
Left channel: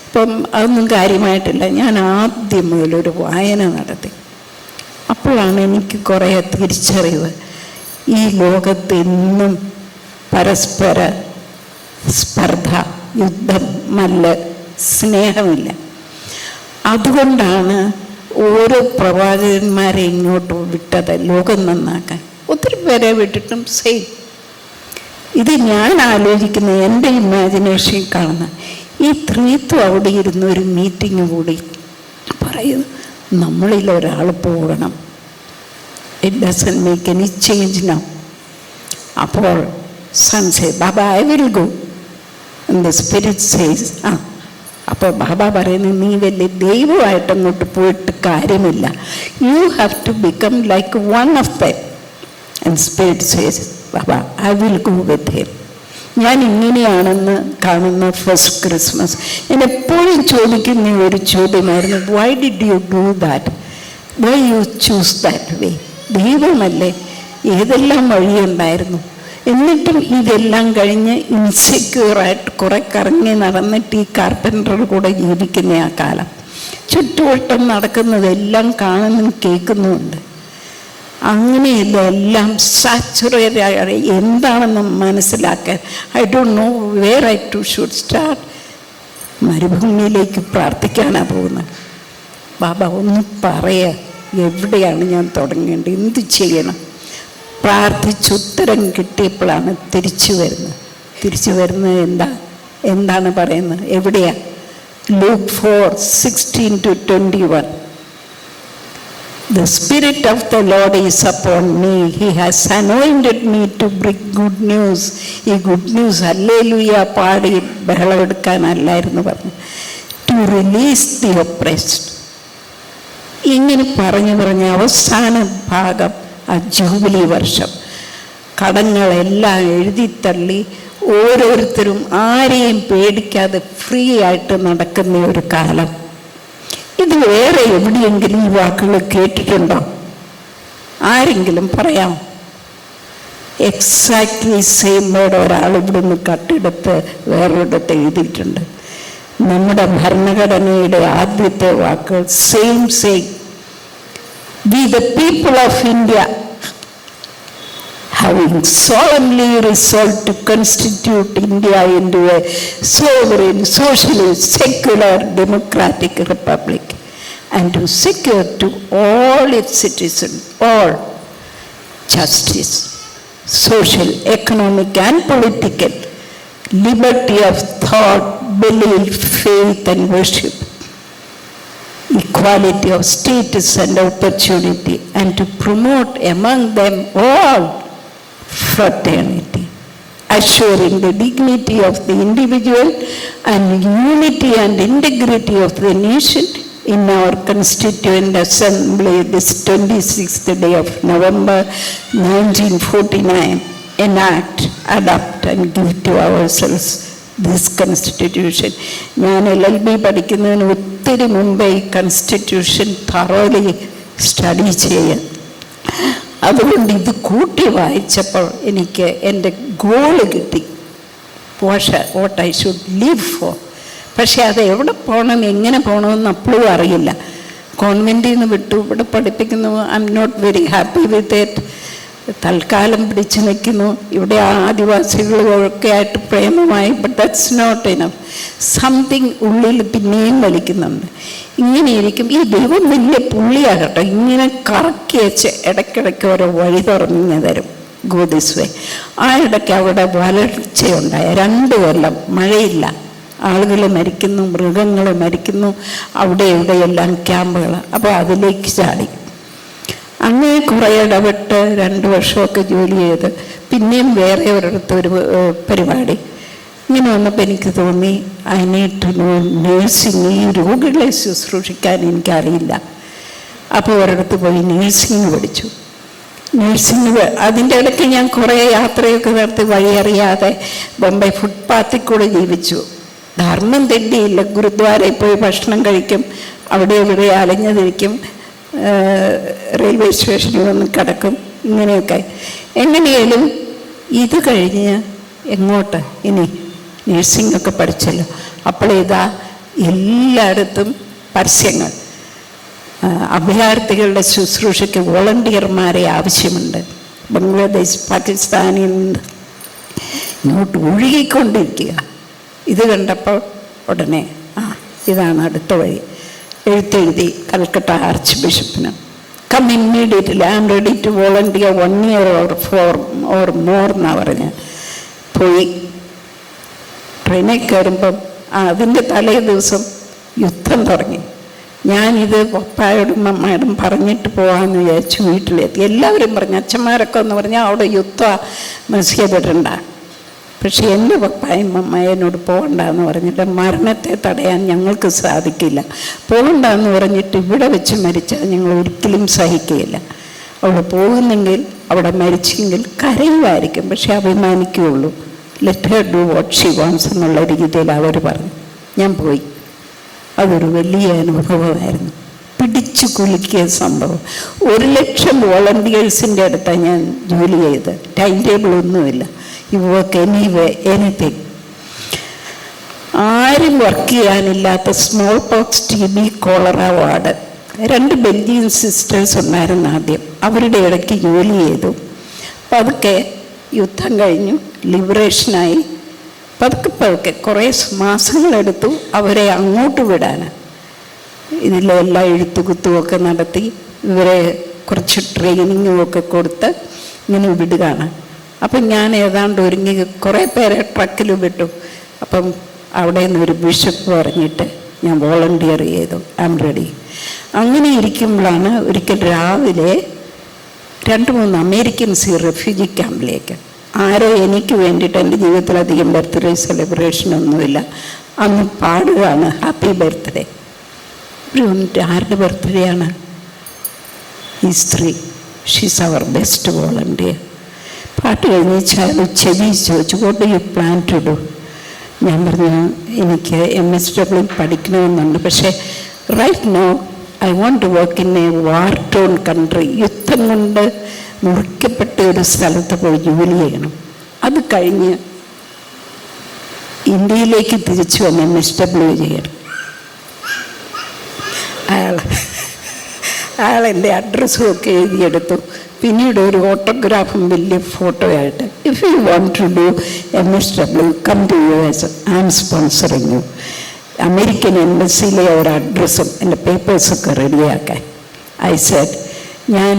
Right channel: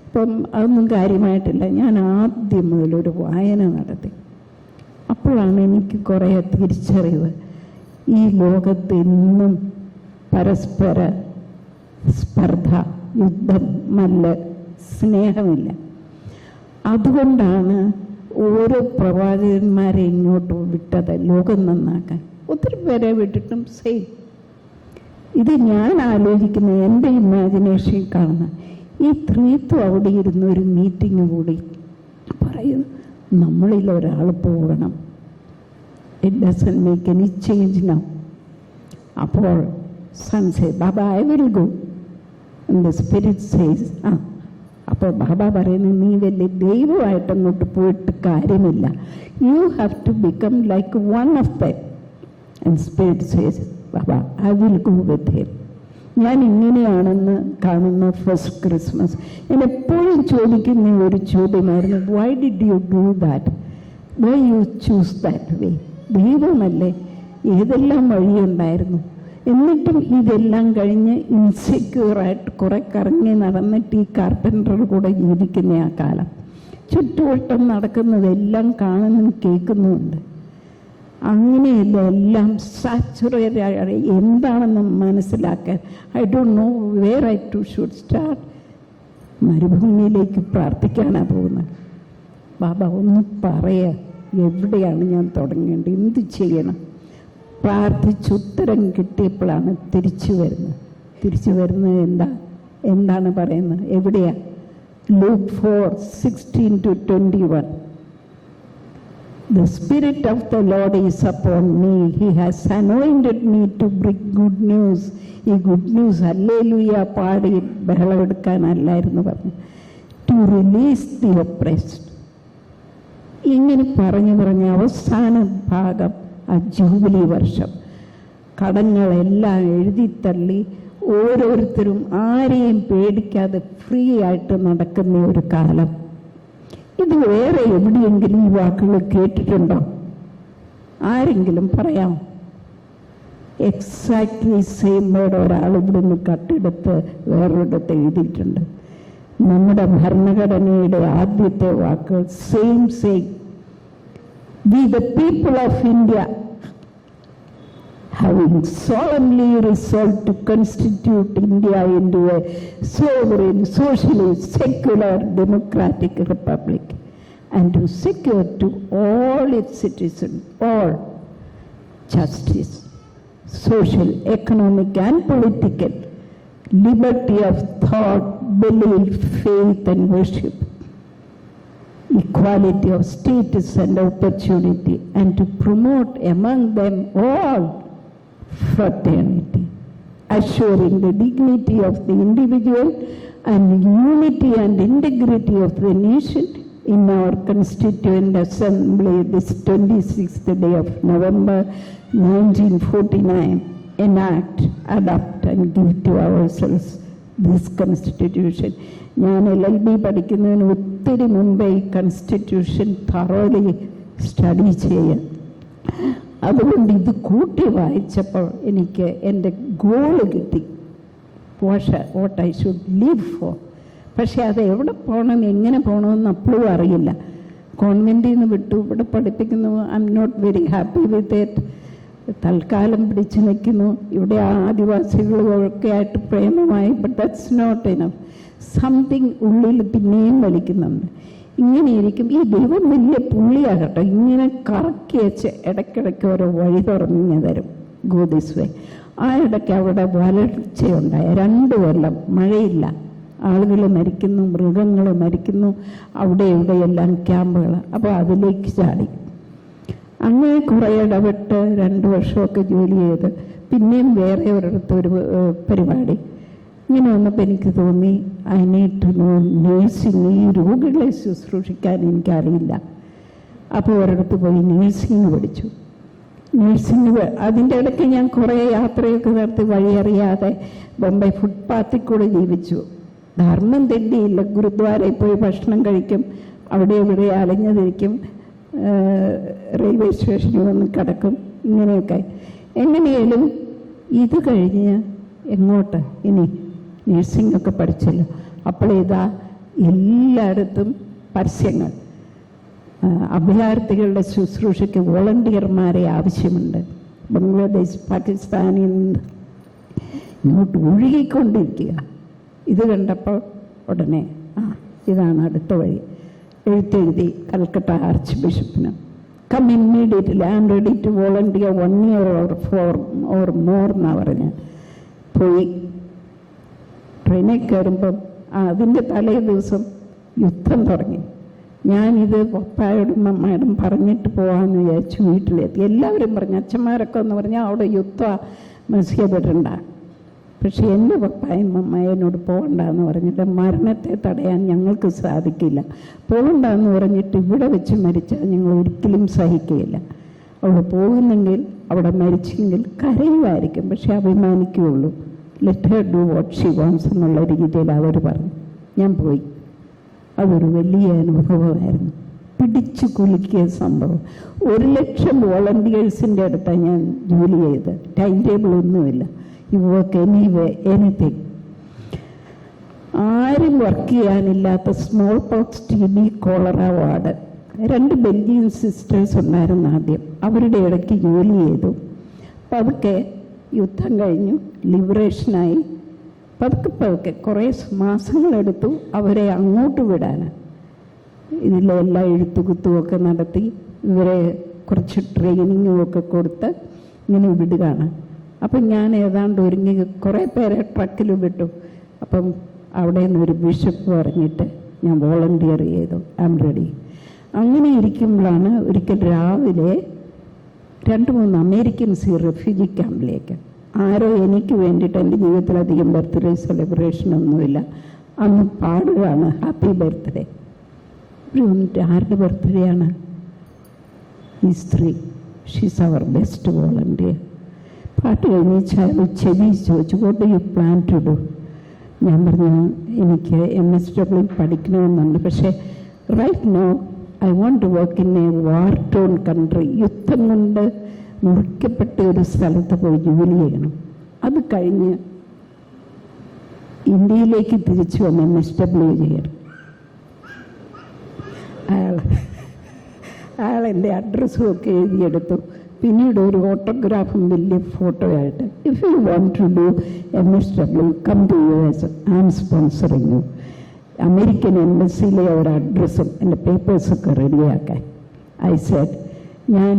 അപ്പം അതൊന്നും കാര്യമായിട്ടില്ല. ഞാൻ ആദ്യം മുതലൊരു വായന നടത്തി. അപ്പോഴാണ് എനിക്ക് കുറേ തിരിച്ചറിവ്. ഈ ലോകത്ത് ഇന്നും പരസ്പര സ്പർദ്ധ, യുദ്ധം, മല്ല്, സ്നേഹമില്ല. അതുകൊണ്ടാണ് ഓരോ പ്രവാചകന്മാരെ ഇങ്ങോട്ട് വിട്ടത് ലോകം നന്നാക്കാൻ. ഒത്തിരി പേരെ വിട്ടിട്ടും സെയിം. ഇത് ഞാൻ ആലോചിക്കുന്ന എൻ്റെ ഇമാജിനേഷൻ കാണുന്ന ഈ ത്രീത്വം അവിടെ ഇരുന്ന് ഒരു മീറ്റിംഗ് കൂടി പറയുന്നു, നമ്മളിൽ ഒരാൾ പോകണം. It doesn't make any change now. അപ്പോൾ son say Baba I will go. The spirit says അപ്പോൾ ബാബ പറയുന്നത്, നീ വലിയ ദൈവമായിട്ട് അങ്ങോട്ട് പോയിട്ട് കാര്യമില്ല. You have to become like one of them. And spirit says Baba I will go with him. ഞാൻ ഇങ്ങനെയാണെന്ന് കാണുന്ന ഫസ്റ്റ് ക്രിസ്മസ് ഞാൻ എപ്പോഴും ചോദിക്കുന്ന ഒരു ചോദ്യമായിരുന്നു, why did you do that? Why you choose that way? ദൈവമല്ലേ, ഏതെല്ലാം വഴിയുണ്ടായിരുന്നു. എന്നിട്ടും ഇതെല്ലാം കഴിഞ്ഞ് ഇൻസെക്യൂറായിട്ട് കുറെ കറങ്ങി നടന്നിട്ട് ഈ കാർപ്പൻ്ററുടെ കൂടെ ജീവിക്കുന്ന ആ കാലം, ചുറ്റുവട്ടം നടക്കുന്നതെല്ലാം കാണുന്നും കേൾക്കുന്നുമുണ്ട്. അങ്ങനെയല്ല, എല്ലാം സാച്ചുറേറ്റ് എന്താണെന്ന് മനസ്സിലാക്കാൻ I don't know where I to should start. മരുഭൂമിയിലേക്ക് പ്രാർത്ഥിക്കാനാണ് പോകുന്നത്. ബാബ ഒന്ന് പറയുക, എവിടെയാണ് ഞാൻ തുടങ്ങേണ്ടത്, എന്ത് ചെയ്യണം? പ്രാർത്ഥിച്ചുത്തരം കിട്ടിയപ്പോഴാണ് തിരിച്ചു വരുന്നത്. എന്താണ് പറയുന്നത്? എവിടെയാ? Luke 4:16-21. The Spirit of the Lord is upon me. He has anointed me to bring good news. ഈ ഗുഡ് ന്യൂസ് ഹല്ലേലൂയ പാടി ബഹളമെടുക്കാനല്ലായിരുന്നു പറഞ്ഞു. To release the oppressed. ഇങ്ങനെ പറഞ്ഞ് അവസാന ഭാഗം ആ ജൂബിലി വർഷം കടങ്ങളെല്ലാം എഴുതിത്തള്ളി ഓരോരുത്തരും ആരെയും പേടിക്കാതെ ഫ്രീ ആയിട്ട് നടക്കുന്ന ഒരു കാലം. ഇത് വേറെ എവിടെയെങ്കിലും ഈ വാക്കുകൾ കേട്ടിട്ടുണ്ടോ? ആരെങ്കിലും പറയാമോ? എക്സാക്ട്ലി സെയിം വേർഡ് ഒരാൾ ഇവിടുന്ന് കട്ടെടുത്ത് വേറൊരിടത്ത് എഴുതിയിട്ടുണ്ട്. നമ്മുടെ ഭരണഘടനയുടെ ആദ്യത്തെ വാക്കുകൾ same. We the people of India, having solemnly resolved to constitute India into a sovereign, socialist, secular, democratic republic, and to secure to all its citizens all justice, social, economic, and political liberty of thought, belief, faith, and worship, equality of status and opportunity, and to promote among them all fraternity, assuring the dignity of the individual and unity and integrity of the nation in our Constituent Assembly this 26th day of November 1949, enact, adopt, and give to ourselves this Constitution. ഞാൻ LLB പഠിക്കുന്നതിന് ഒത്തിരി മുമ്പേ ഈ കൺസ്റ്റിറ്റ്യൂഷൻ thoroughly സ്റ്റഡി ചെയ്യാൻ. അതുകൊണ്ട് ഇത് കൂട്ടി വായിച്ചപ്പോൾ എനിക്ക് എൻ്റെ ഗോള് കിട്ടി, what I should live four. പക്ഷേ അത് എവിടെ പോകണം, എങ്ങനെ പോകണമെന്ന് അപ്പോഴും അറിയില്ല. കോൺവെൻറ്റിൽ നിന്ന് വിട്ടു, ഇവിടെ പഠിപ്പിക്കുന്നു. I am not very happy with it. തൽക്കാലം പിടിച്ചു നിൽക്കുന്നു. ഇവിടെ ആദിവാസികളൊക്കെ ആയിട്ട് പ്രേമമായി. But that's not enough. Something ഉള്ളിൽ പിന്നെയും വലിക്കുന്നുണ്ട്. ഇങ്ങനെയിരിക്കും. ഈ ദൈവം വലിയ പുള്ളിയാകട്ടെ, ഇങ്ങനെ കറക്കി വെച്ച് ഇടയ്ക്കിടയ്ക്ക് ഓരോ വഴി തുറന്നു തരും. Go this way. ആ ഇടയ്ക്ക് അവിടെ വരൾച്ചയുണ്ടായ 2 കൊല്ലം മഴയില്ല. ആളുകൾ മരിക്കുന്നു, മൃഗങ്ങൾ മരിക്കുന്നു. അവിടെ ഇവിടെയെല്ലാം ക്യാമ്പുകൾ. അപ്പോൾ അതിലേക്ക് ചാടി. അങ്ങനെ കുറേ ഇടപെട്ട് 2 വർഷമൊക്കെ ജോലി ചെയ്ത് പിന്നെയും വേറെ ഒരിടത്ത് ഒരു പരിപാടി. ഇങ്ങനെ വന്നപ്പോൾ എനിക്ക് തോന്നി, I need to know nursing. ഈ രോഗികളെ ശുശ്രൂഷിക്കാൻ എനിക്കറിയില്ല. അപ്പോൾ ഒരിടത്ത് പോയി നേഴ്സിംഗ് പഠിച്ചു. അതിൻ്റെ ഇടയ്ക്ക് ഞാൻ കുറേ യാത്രയൊക്കെ നടത്തി വഴിയറിയാതെ ബോംബെ ഫുട്പാത്തിൽ കൂടെ ജീവിച്ചു. ധർമ്മം തെറ്റിയില്ല. ഗുരുദ്വാരയിൽ പോയി ഭക്ഷണം കഴിക്കും, അവിടെ ഇവിടെ അലഞ്ഞതിരിക്കും, റെയിൽവേ സ്റ്റേഷനിൽ വന്ന് കിടക്കും, ഇങ്ങനെയൊക്കെ. എങ്ങനെയാലും ഇത് കഴിഞ്ഞ് എങ്ങോട്ട് ഇനി? നേഴ്സിംഗൊക്കെ പഠിച്ചല്ലോ. അപ്പോളിതാ എല്ലായിടത്തും പരസ്യങ്ങൾ. അഭയാർത്ഥികളുടെ ശുശ്രൂഷയ്ക്ക് വോളണ്ടിയർമാരെ ആവശ്യമുണ്ട്. ബംഗ്ലാദേശ്, പാകിസ്ഥാനിൽ നിന്ന് ഇങ്ങോട്ട് ഒഴുകിക്കൊണ്ടിരിക്കുക. ഇത് കണ്ടപ്പോൾ ഉടനെ ഇതാണ് അടുത്ത വഴി. എഴുത്തെഴുതി കൽക്കട്ട ആർച്ച് ബിഷപ്പിന്, come immediately, I am ready to volunteer 1 year or more എന്നാണ് പറഞ്ഞ് പോയി. ട്രെയിനിൽ കയറുമ്പം അതിൻ്റെ തലേ ദിവസം യുദ്ധം തുടങ്ങി. ഞാനിത് പപ്പായോടും അമ്മയോടും പറഞ്ഞിട്ട് പോകാമെന്ന് വിചാരിച്ചു. വീട്ടിലെത്തി. എല്ലാവരും പറഞ്ഞു, അച്ഛന്മാരൊക്കെ എന്ന് പറഞ്ഞാൽ അവിടെ യുദ്ധം മത്സ്യപ്പെടണ്ട. പക്ഷെ എൻ്റെ പപ്പായും അമ്മയോട് പോകണ്ടെന്ന് പറഞ്ഞിട്ട്, മരണത്തെ തടയാൻ ഞങ്ങൾക്ക് സാധിക്കില്ല, പോകണ്ടെന്ന് പറഞ്ഞിട്ട് ഇവിടെ വെച്ച് മരിച്ചാൽ ഞങ്ങൾ ഒരിക്കലും സഹിക്കുകയില്ല. അവിടെ പോകുന്നെങ്കിൽ അവിടെ മരിച്ചെങ്കിൽ കരയുമായിരിക്കും, പക്ഷെ അഭിമാനിക്കുകയുള്ളൂ. Let her do what she wants എന്നുള്ള രീതിയിൽ അവർ പറഞ്ഞു. ഞാൻ പോയി. അതൊരു വലിയ അനുഭവമായിരുന്നു. പിടിച്ചു കുലുക്കിയ സംഭവം. 100,000 വോളണ്ടിയേഴ്സിൻ്റെ അടുത്താണ് ഞാൻ ജോലി ചെയ്ത്. ടൈം ടേബിൾ ഒന്നുമില്ല. You work anyway, anything. ആരും വർക്ക് ചെയ്യാനില്ലാത്ത small pox, TB, cholera ward. 2 Belgian sisters ഉണ്ടായിരുന്നു ആദ്യം. അവരുടെ ഇടയ്ക്ക് ജോലി ചെയ്തു. പതുക്കെ യുദ്ധം കഴിഞ്ഞു, ലിബറേഷനായി. പതുക്കെ കുറേ മാസങ്ങളെടുത്തു അവരെ അങ്ങോട്ട് വിടാൻ. ഇതിലെല്ലാം എഴുത്തുകുത്തുമൊക്കെ നടത്തി ഇവരെ കുറച്ച് ട്രെയിനിങ്ങും ഒക്കെ കൊടുത്ത് ഇങ്ങനെ വിടുകയാണ്. അപ്പം ഞാൻ ഏതാണ്ട് ഒരുങ്ങി കുറേ പേരെ ട്രക്കിൽ വിട്ടു. അപ്പം അവിടെ നിന്ന് ഒരു ബിഷപ്പ് പറഞ്ഞിട്ട് ഞാൻ വോളണ്ടിയർ ചെയ്തു. I am ready. അങ്ങനെ ഇരിക്കുമ്പോഴാണ് ഒരിക്കൽ രാവിലെ 2-3 അമേരിക്കൻസ് ഈ റെഫ്യൂജി ക്യാമ്പിലേക്ക്, ആരോ എനിക്ക് വേണ്ടിയിട്ട്, എൻ്റെ ജീവിതത്തിലധികം ബർത്ത്ഡേ സെലിബ്രേഷനൊന്നുമില്ല, അന്ന് പാടുകയാണ് ഹാപ്പി ബർത്ത്ഡേ. ആരുടെ ബർത്ത്ഡേ ആണ്? ഈ സ്ത്രീ, ഷീസ് അവർ ബെസ്റ്റ് വോളണ്ടിയർ. പാട്ട് കഴിഞ്ഞ് ചെവി ചോദിച്ചു, what do you plan to do? ഞാൻ പറഞ്ഞു, എനിക്ക് MSW പഠിക്കണമെന്നുണ്ട്, പക്ഷേ right now I want to work in a war torn country. യുദ്ധം കൊണ്ട് മുറിക്കപ്പെട്ട ഒരു സ്ഥലത്ത് പോയി ജോലി ചെയ്യണം. അത് കഴിഞ്ഞ് ഇന്ത്യയിലേക്ക് തിരിച്ചു വന്ന് MSW ചെയ്യണം. അയാൾ എൻ്റെ അഡ്രസ്സും ഒക്കെ എഴുതിയെടുത്തു. പിന്നീട് ഒരു ഓട്ടോഗ്രാഫും വലിയ ഫോട്ടോയായിട്ട്, if you want to do MSW come to US, I am sponsoring you. American എംബസിയിലെ ഒരു അഡ്രസ്സും എൻ്റെ പേപ്പേഴ്സൊക്കെ റെഡിയാക്കാൻ. ഐ സെഡ്, ഞാൻ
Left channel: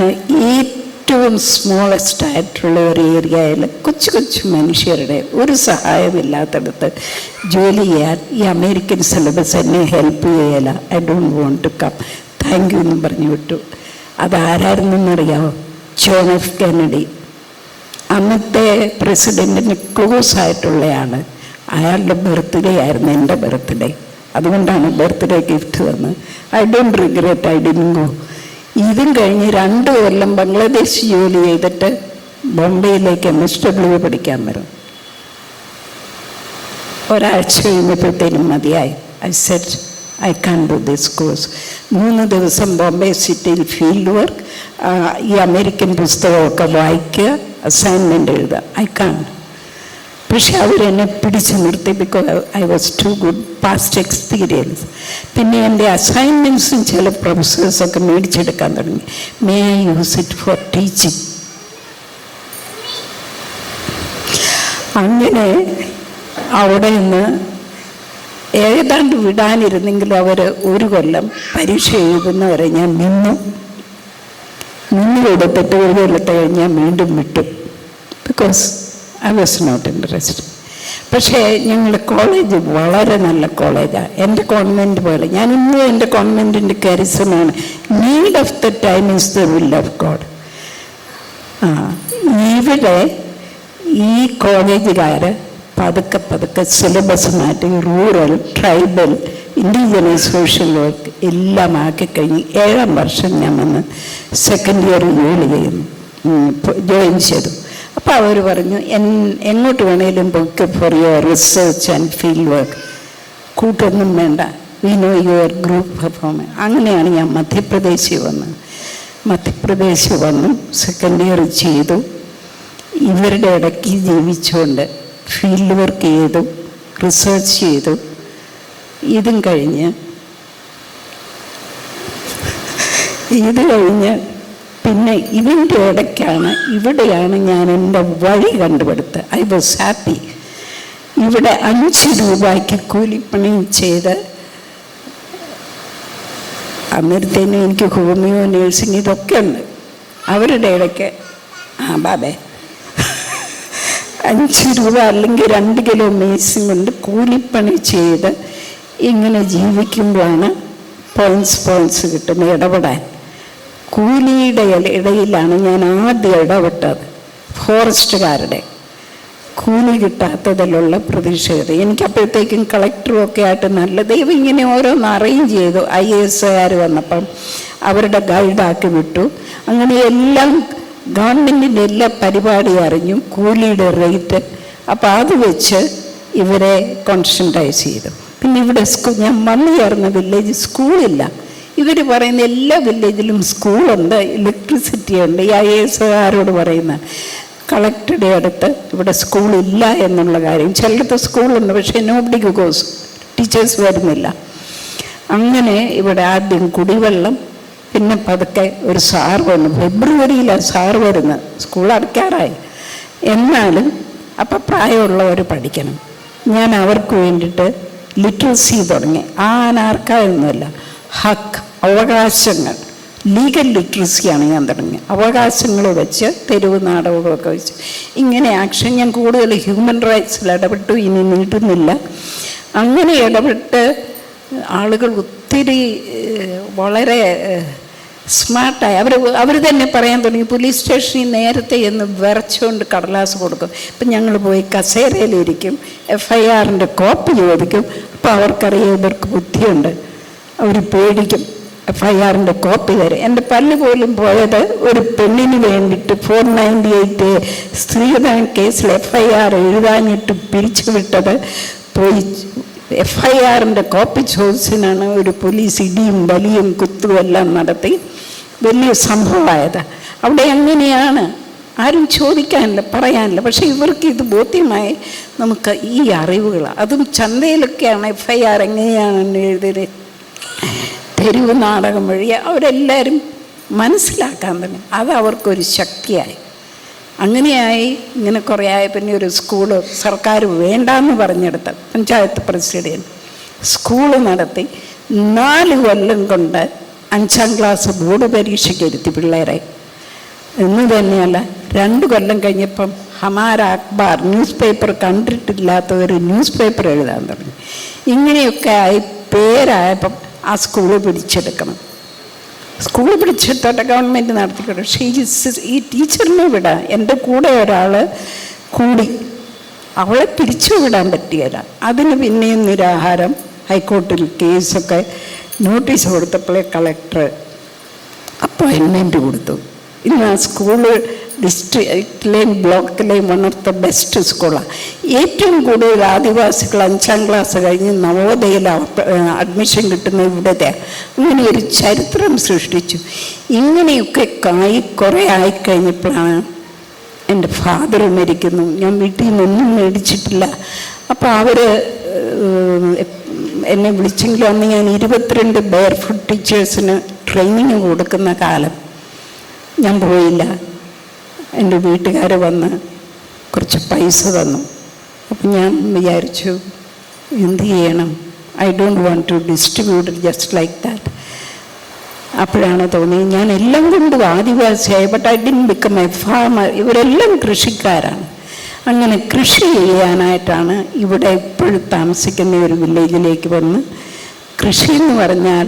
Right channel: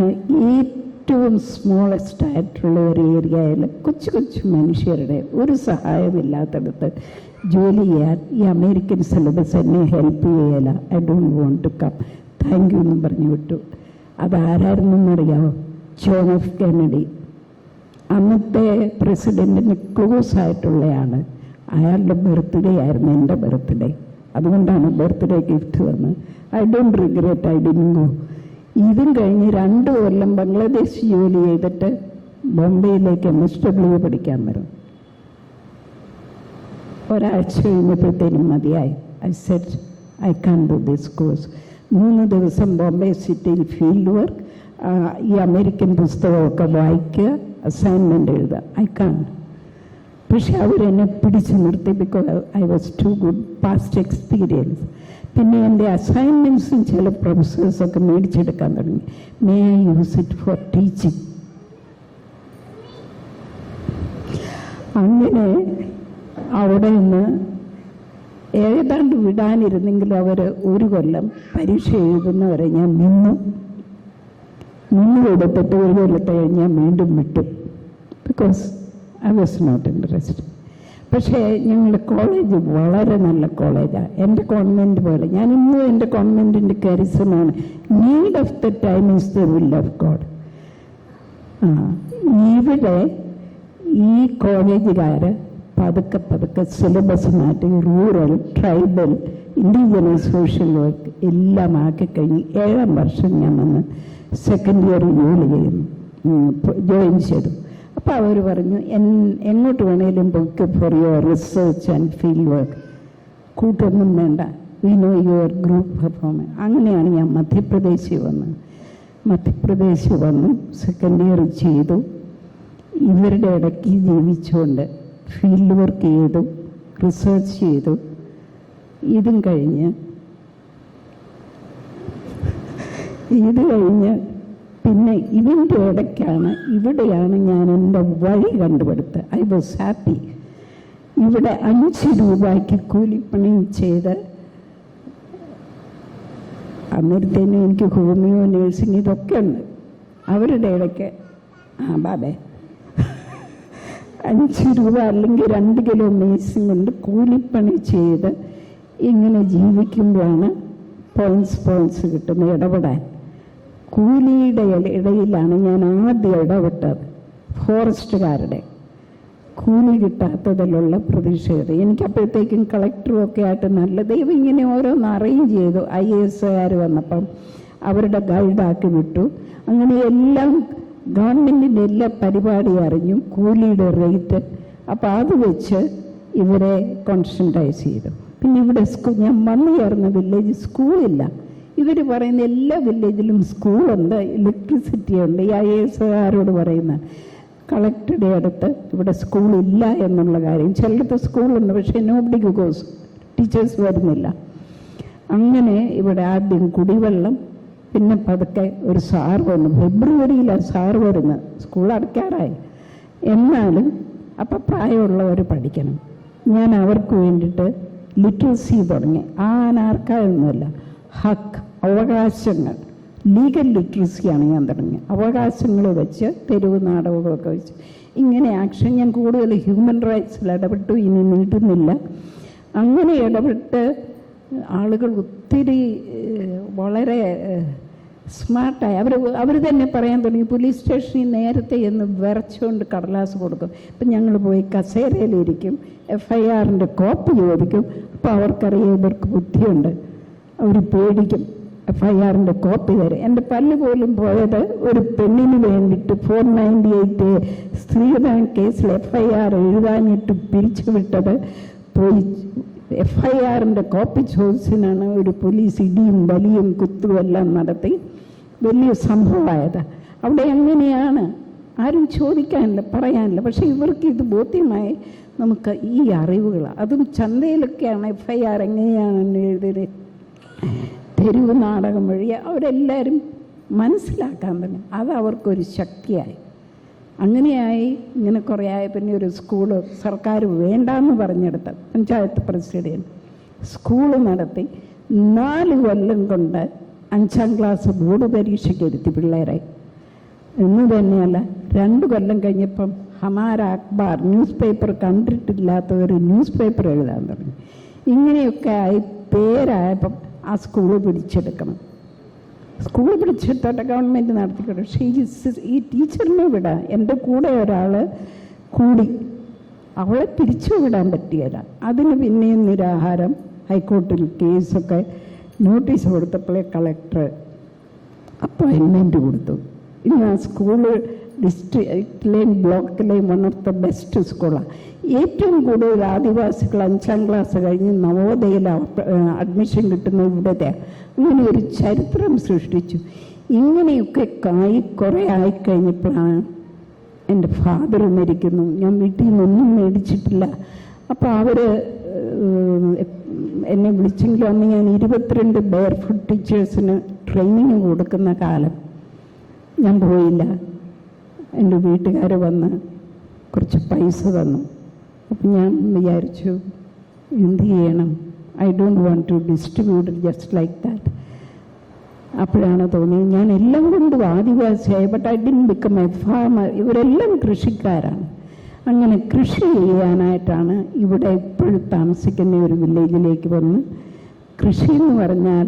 ഏറ്റവും സ്മോളസ്റ്റ് ആയിട്ടുള്ള ഒരു ഏരിയയിൽ കൊച്ചു മനുഷ്യരുടെ ഒരു സഹായമില്ലാത്തടത്ത് ജോലി ചെയ്യാൻ ഈ അമേരിക്കൻ സിലബസ് എന്നെ ഹെൽപ്പ് ചെയ്യല. I don't want to come, thank you എന്നും പറഞ്ഞു വിട്ടു. അതാരായിരുന്നെന്നറിയാമോ? ജോൺ എഫ് കെന്നഡി, അന്നത്തെ പ്രസിഡൻറ്റിന് ക്ലോസ് ആയിട്ടുള്ളയാണ്. അയാളുടെ ബർത്ത്ഡേ ആയിരുന്നു എൻ്റെ ബർത്ത്ഡേ. അതുകൊണ്ടാണ് ബർത്ത്ഡേ ഗിഫ്റ്റ് തന്നത്. I don't regret I didn't go. ഇതും കഴിഞ്ഞ് 2 കൊല്ലം ബംഗ്ലാദേശ് ജോലി ചെയ്തിട്ട് ബോംബെയിലേക്ക് MSW പഠിക്കാൻ വരും. ഒരാഴ്ച കഴിഞ്ഞപ്പോഴത്തേനും മതിയായി. I said I can do this course. 3 ദിവസം ബോംബെ സിറ്റിയിൽ ഫീൽഡ് വർക്ക്, ഈ അമേരിക്കൻ പുസ്തകമൊക്കെ വായിക്കുക, അസൈൻമെൻ്റ് എഴുതുക. I can. പക്ഷെ അവരെന്നെ പിടിച്ചു നിർത്തി. Because I was too good, past experience. പിന്നെ എൻ്റെ അസൈൻമെൻറ്റ്സും ചില പ്രൊഫസേഴ്സൊക്കെ മേടിച്ചെടുക്കാൻ തുടങ്ങി. May I use it for teaching. അങ്ങനെ അവിടെ നിന്ന് ഏതാണ്ട് വിടാനിരുന്നെങ്കിലും അവർ 1 കൊല്ലം പരീക്ഷ എഴുതുന്നവരെ ഞാൻ നിന്നു കൊടുത്തിട്ട് 1 കൊല്ലത്തെ കഴിഞ്ഞ് ഞാൻ വീണ്ടും വിട്ടു. Because I was not interested. പക്ഷേ ഞങ്ങളുടെ കോളേജ് വളരെ നല്ല കോളേജാണ്. എൻ്റെ കോൺവെൻറ്റ് പോലെ. ഞാൻ ഇന്നും എൻ്റെ കോൺവെൻറ്റിൻ്റെ കരിസമാണ്. Need of the time is the will of God. ഇവിടെ ഈ കോളേജുകാർ പതുക്കെ സിലബസ് മാറ്റി rural, tribal, indigenous social work എല്ലാം ആക്കിക്കഴിഞ്ഞ് 7ാം വർഷം ഞാൻ വന്ന് സെക്കൻഡ് ഇയർ ജോയിൻ ചെയ്തു. അപ്പോൾ അവർ പറഞ്ഞു, എങ്ങോട്ട് വേണേലും book for your research and field work, കൂട്ടൊന്നും വേണ്ട, we know your group performance. അങ്ങനെയാണ് ഞാൻ മധ്യപ്രദേശിൽ വന്നു സെക്കൻഡ് ഇയർ ചെയ്തു. ഇവരുടെ ഇടയ്ക്ക് ജീവിച്ചുകൊണ്ട് ഫീൽഡ് വർക്ക് ചെയ്തു, റിസർച്ച് ചെയ്തു. ഇത് കഴിഞ്ഞ് പിന്നെ ഇതിൻ്റെ ഇവിടെയാണ് ഞാൻ എൻ്റെ വഴി കണ്ടുപിടുത്തത്. I was happy. ഇവിടെ 5 രൂപയ്ക്ക് കൂലിപ്പണി ചെയ്ത് അന്നേരത്തേനും എനിക്ക് ഹോമിയോ, നേഴ്സിംഗ് ഇതൊക്കെ ഉണ്ട്. അവരുടെ ഇടയ്ക്ക് ബാബേ 5 രൂപ അല്ലെങ്കിൽ 2 കിലോ മേസും കൊണ്ട് കൂലിപ്പണി ചെയ്ത് ഇങ്ങനെ ജീവിക്കുമ്പോഴാണ് പോയിൻറ്റ്സ് കിട്ടുന്നത് ഇടപെടാൻ. കൂലിയുടെ ഇടയിലാണ് ഞാൻ ആദ്യം ഇടപെട്ടത്. ഫോറസ്റ്റുകാരുടെ കൂലി കിട്ടാത്തതിലുള്ള പ്രതിഷേധം. എനിക്കപ്പോഴത്തേക്കും കളക്ടറും ഒക്കെ ആയിട്ട് നല്ല ദൈവം ഇങ്ങനെ ഓരോന്ന് അറേഞ്ച് ചെയ്തു. IAS വന്നപ്പം അവരുടെ ഗൈഡാക്കി വിട്ടു. അങ്ങനെ എല്ലാം ഗവൺമെൻറ്റിൻ്റെ എല്ലാ പരിപാടിയും അറിഞ്ഞു, കൂലിയുടെ റേറ്റ്. അപ്പോൾ അത് വെച്ച് ഇവരെ കോൺസെൻട്രൈസ് ചെയ്തു. പിന്നെ ഇവിടെ ഞാൻ വന്നു ചേർന്ന വില്ലേജ് സ്കൂളില്ല. ഇവർ പറയുന്ന എല്ലാ വില്ലേജിലും സ്കൂളുണ്ട്, ഇലക്ട്രിസിറ്റി ഉണ്ട്. ഈ IAS പറയുന്ന കളക്ടറുടെ അടുത്ത് ഇവിടെ സ്കൂളില്ല എന്നുള്ള കാര്യം. ചിലടത്ത് സ്കൂളുണ്ട്, പക്ഷേ നോബഡി ഗോസ്, ടീച്ചേഴ്സ് വരുന്നില്ല. അങ്ങനെ ഇവിടെ ആദ്യം കുടിവെള്ളം, പിന്നെ പതുക്കെ ഒരു സാർ വന്നു. ഫെബ്രുവരിയിലാണ് സാർ വരുന്നത്, സ്കൂൾ അടയ്ക്കാറായി. എന്നാലും അപ്പം പ്രായമുള്ളവർ പഠിക്കണം. ഞാൻ അവർക്ക് വേണ്ടിയിട്ട് ലിറ്ററസി തുടങ്ങി. ആർക്കായൊന്നുമല്ല, ഹക്ക്, അവകാശങ്ങൾ, ലീഗൽ ലിറ്ററസിയാണ് ഞാൻ തുടങ്ങി. അവകാശങ്ങൾ വെച്ച് തെരുവ് നാടകങ്ങളൊക്കെ വെച്ച് ഇങ്ങനെ ആക്ഷൻ. ഞാൻ കൂടുതൽ ഹ്യൂമൻ റൈറ്റ്സിൽ ഇടപെട്ടു, ഇനി നീട്ടുന്നില്ല. അങ്ങനെ ഇടപെട്ട് ആളുകൾ ഒത്തിരി വളരെ സ്മാർട്ടായി. അവർ തന്നെ പറയാൻ തുടങ്ങി. പോലീസ് സ്റ്റേഷനിൽ നേരത്തെ എന്ന് വിറച്ചുകൊണ്ട് കടലാസ് കൊടുക്കും. ഇപ്പം ഞങ്ങൾ പോയി കസേരയിലിരിക്കും, FIR കോപ്പി ചോദിക്കും. അപ്പോൾ അവർക്കറിയാം ഇവർക്ക് ബുദ്ധിയുണ്ട്, അവർ പേടിക്കും. FIR കോപ്പി തരും. എൻ്റെ പല്ല് പോലും പോയത് ഒരു പെണ്ണിന് വേണ്ടിയിട്ട് 498 സ്ത്രീധന കേസിൽ FIR എഴുതാഞ്ഞിട്ട് പിരിച്ചുവിട്ടത് പോയി FIR കോപ്പി ചോദിച്ചതിനാണ് ഒരു പോലീസ് ഇടിയും വലിയും കുത്തും എല്ലാം നടത്തി വലിയ സംഭവമായത്. അവിടെ എങ്ങനെയാണ് ആരും ചോദിക്കാനില്ല, പറയാനില്ല. പക്ഷേ ഇവർക്ക് ഇത് ബോധ്യമായി. നമുക്ക് ഈ അറിവുകൾ, അതും ചന്തയിലൊക്കെയാണ് FIR എങ്ങനെയാണ് എഴുതിയത്, തെരുവ് നാടകം വഴി അവരെല്ലാവരും മനസ്സിലാക്കാൻ തന്നെ. അത് അവർക്കൊരു ശക്തിയായി. അങ്ങനെയായി. ഇങ്ങനെ കുറേ ആയ പിന്നെ ഒരു സ്കൂള് സർക്കാർ വേണ്ടാന്ന് പറഞ്ഞെടുത്ത് പഞ്ചായത്ത് പ്രസിഡന്റ് സ്കൂള് നടത്തി 4 കൊല്ലം കൊണ്ട് 5ാം ക്ലാസ് ബോർഡ് പരീക്ഷയ്ക്ക് ഇരുത്തി പിള്ളേരെ. എന്ന് തന്നെയല്ല, 2 കൊല്ലം കഴിഞ്ഞപ്പം ഹമാര അഖ്ബാർ ന്യൂസ് പേപ്പർ കണ്ടിട്ടില്ലാത്ത ഒരു ന്യൂസ് പേപ്പർ എഴുതാൻ തുടങ്ങി. ഇങ്ങനെയൊക്കെ ആയി പേരായപ്പം ആ സ്കൂള് പിടിച്ചെടുക്കണം. സ്കൂൾ പിടിച്ചെടുത്തോട്ടെ, ഗവൺമെൻറ് നടത്തിക്കോട്ടെ. പക്ഷേ ഈ ടീച്ചറിനെ വിടാൻ എൻ്റെ കൂടെ ഒരാൾ കൂടി, അവളെ പിരിച്ചു വിടാൻ പറ്റിയല്ല. അതിന് പിന്നെയും നിരാഹാരം. ഹൈക്കോർട്ടിൽ കേസൊക്കെ നോട്ടീസ് കൊടുത്തപ്പോഴേ കളക്ടർ അപ്പോയിൻമെൻറ്റ് കൊടുത്തു. ഇന്ന് ആ സ്കൂള് ഡിസ്ട്രിക്റ്റിലെയും ബ്ലോക്കിലെയും വൺ ഓഫ് ദ ബെസ്റ്റ് സ്കൂളാണ്. ഏറ്റവും കൂടുതൽ ആദിവാസികൾ 5ാം ക്ലാസ് കഴിഞ്ഞ് നവോദയയിൽ അഡ്മിഷൻ കിട്ടുന്ന ഇവിടത്തെ. അങ്ങനെ ഒരു ചരിത്രം സൃഷ്ടിച്ചു. ഇങ്ങനെയൊക്കെ കുറേ ആയിക്കഴിഞ്ഞപ്പോഴാണ് എൻ്റെ ഫാദർ മരിക്കുന്നു. ഞാൻ വീട്ടിൽ നിന്നൊന്നും മേടിച്ചിട്ടില്ല. അപ്പോൾ അവർ എന്നെ വിളിച്ചെങ്കിലും അന്ന് ഞാൻ 22 ബെയർഫുട്ട് ടീച്ചേഴ്സിന് ട്രെയിനിങ് കൊടുക്കുന്ന കാലം. ഞാൻ പോയില്ല. എൻ്റെ വീട്ടുകാർ വന്ന് കുറച്ച് പൈസ തന്നു. അപ്പം ഞാൻ വിചാരിച്ചു എന്ത് ചെയ്യണം, I don't want to distribute just like that. അപ്പോഴാണ് തോന്നിയത് ഞാൻ എല്ലാം കൊണ്ടും ആദിവാസിയായി. But I didn't become a farmer. ഇവരെല്ലാം കൃഷിക്കാരാണ്. അങ്ങനെ കൃഷി ചെയ്യാനായിട്ടാണ് ഇവിടെ ഇപ്പോഴും താമസിക്കുന്ന ഒരു വില്ലേജിലേക്ക് വന്ന്. കൃഷി എന്ന് പറഞ്ഞാൽ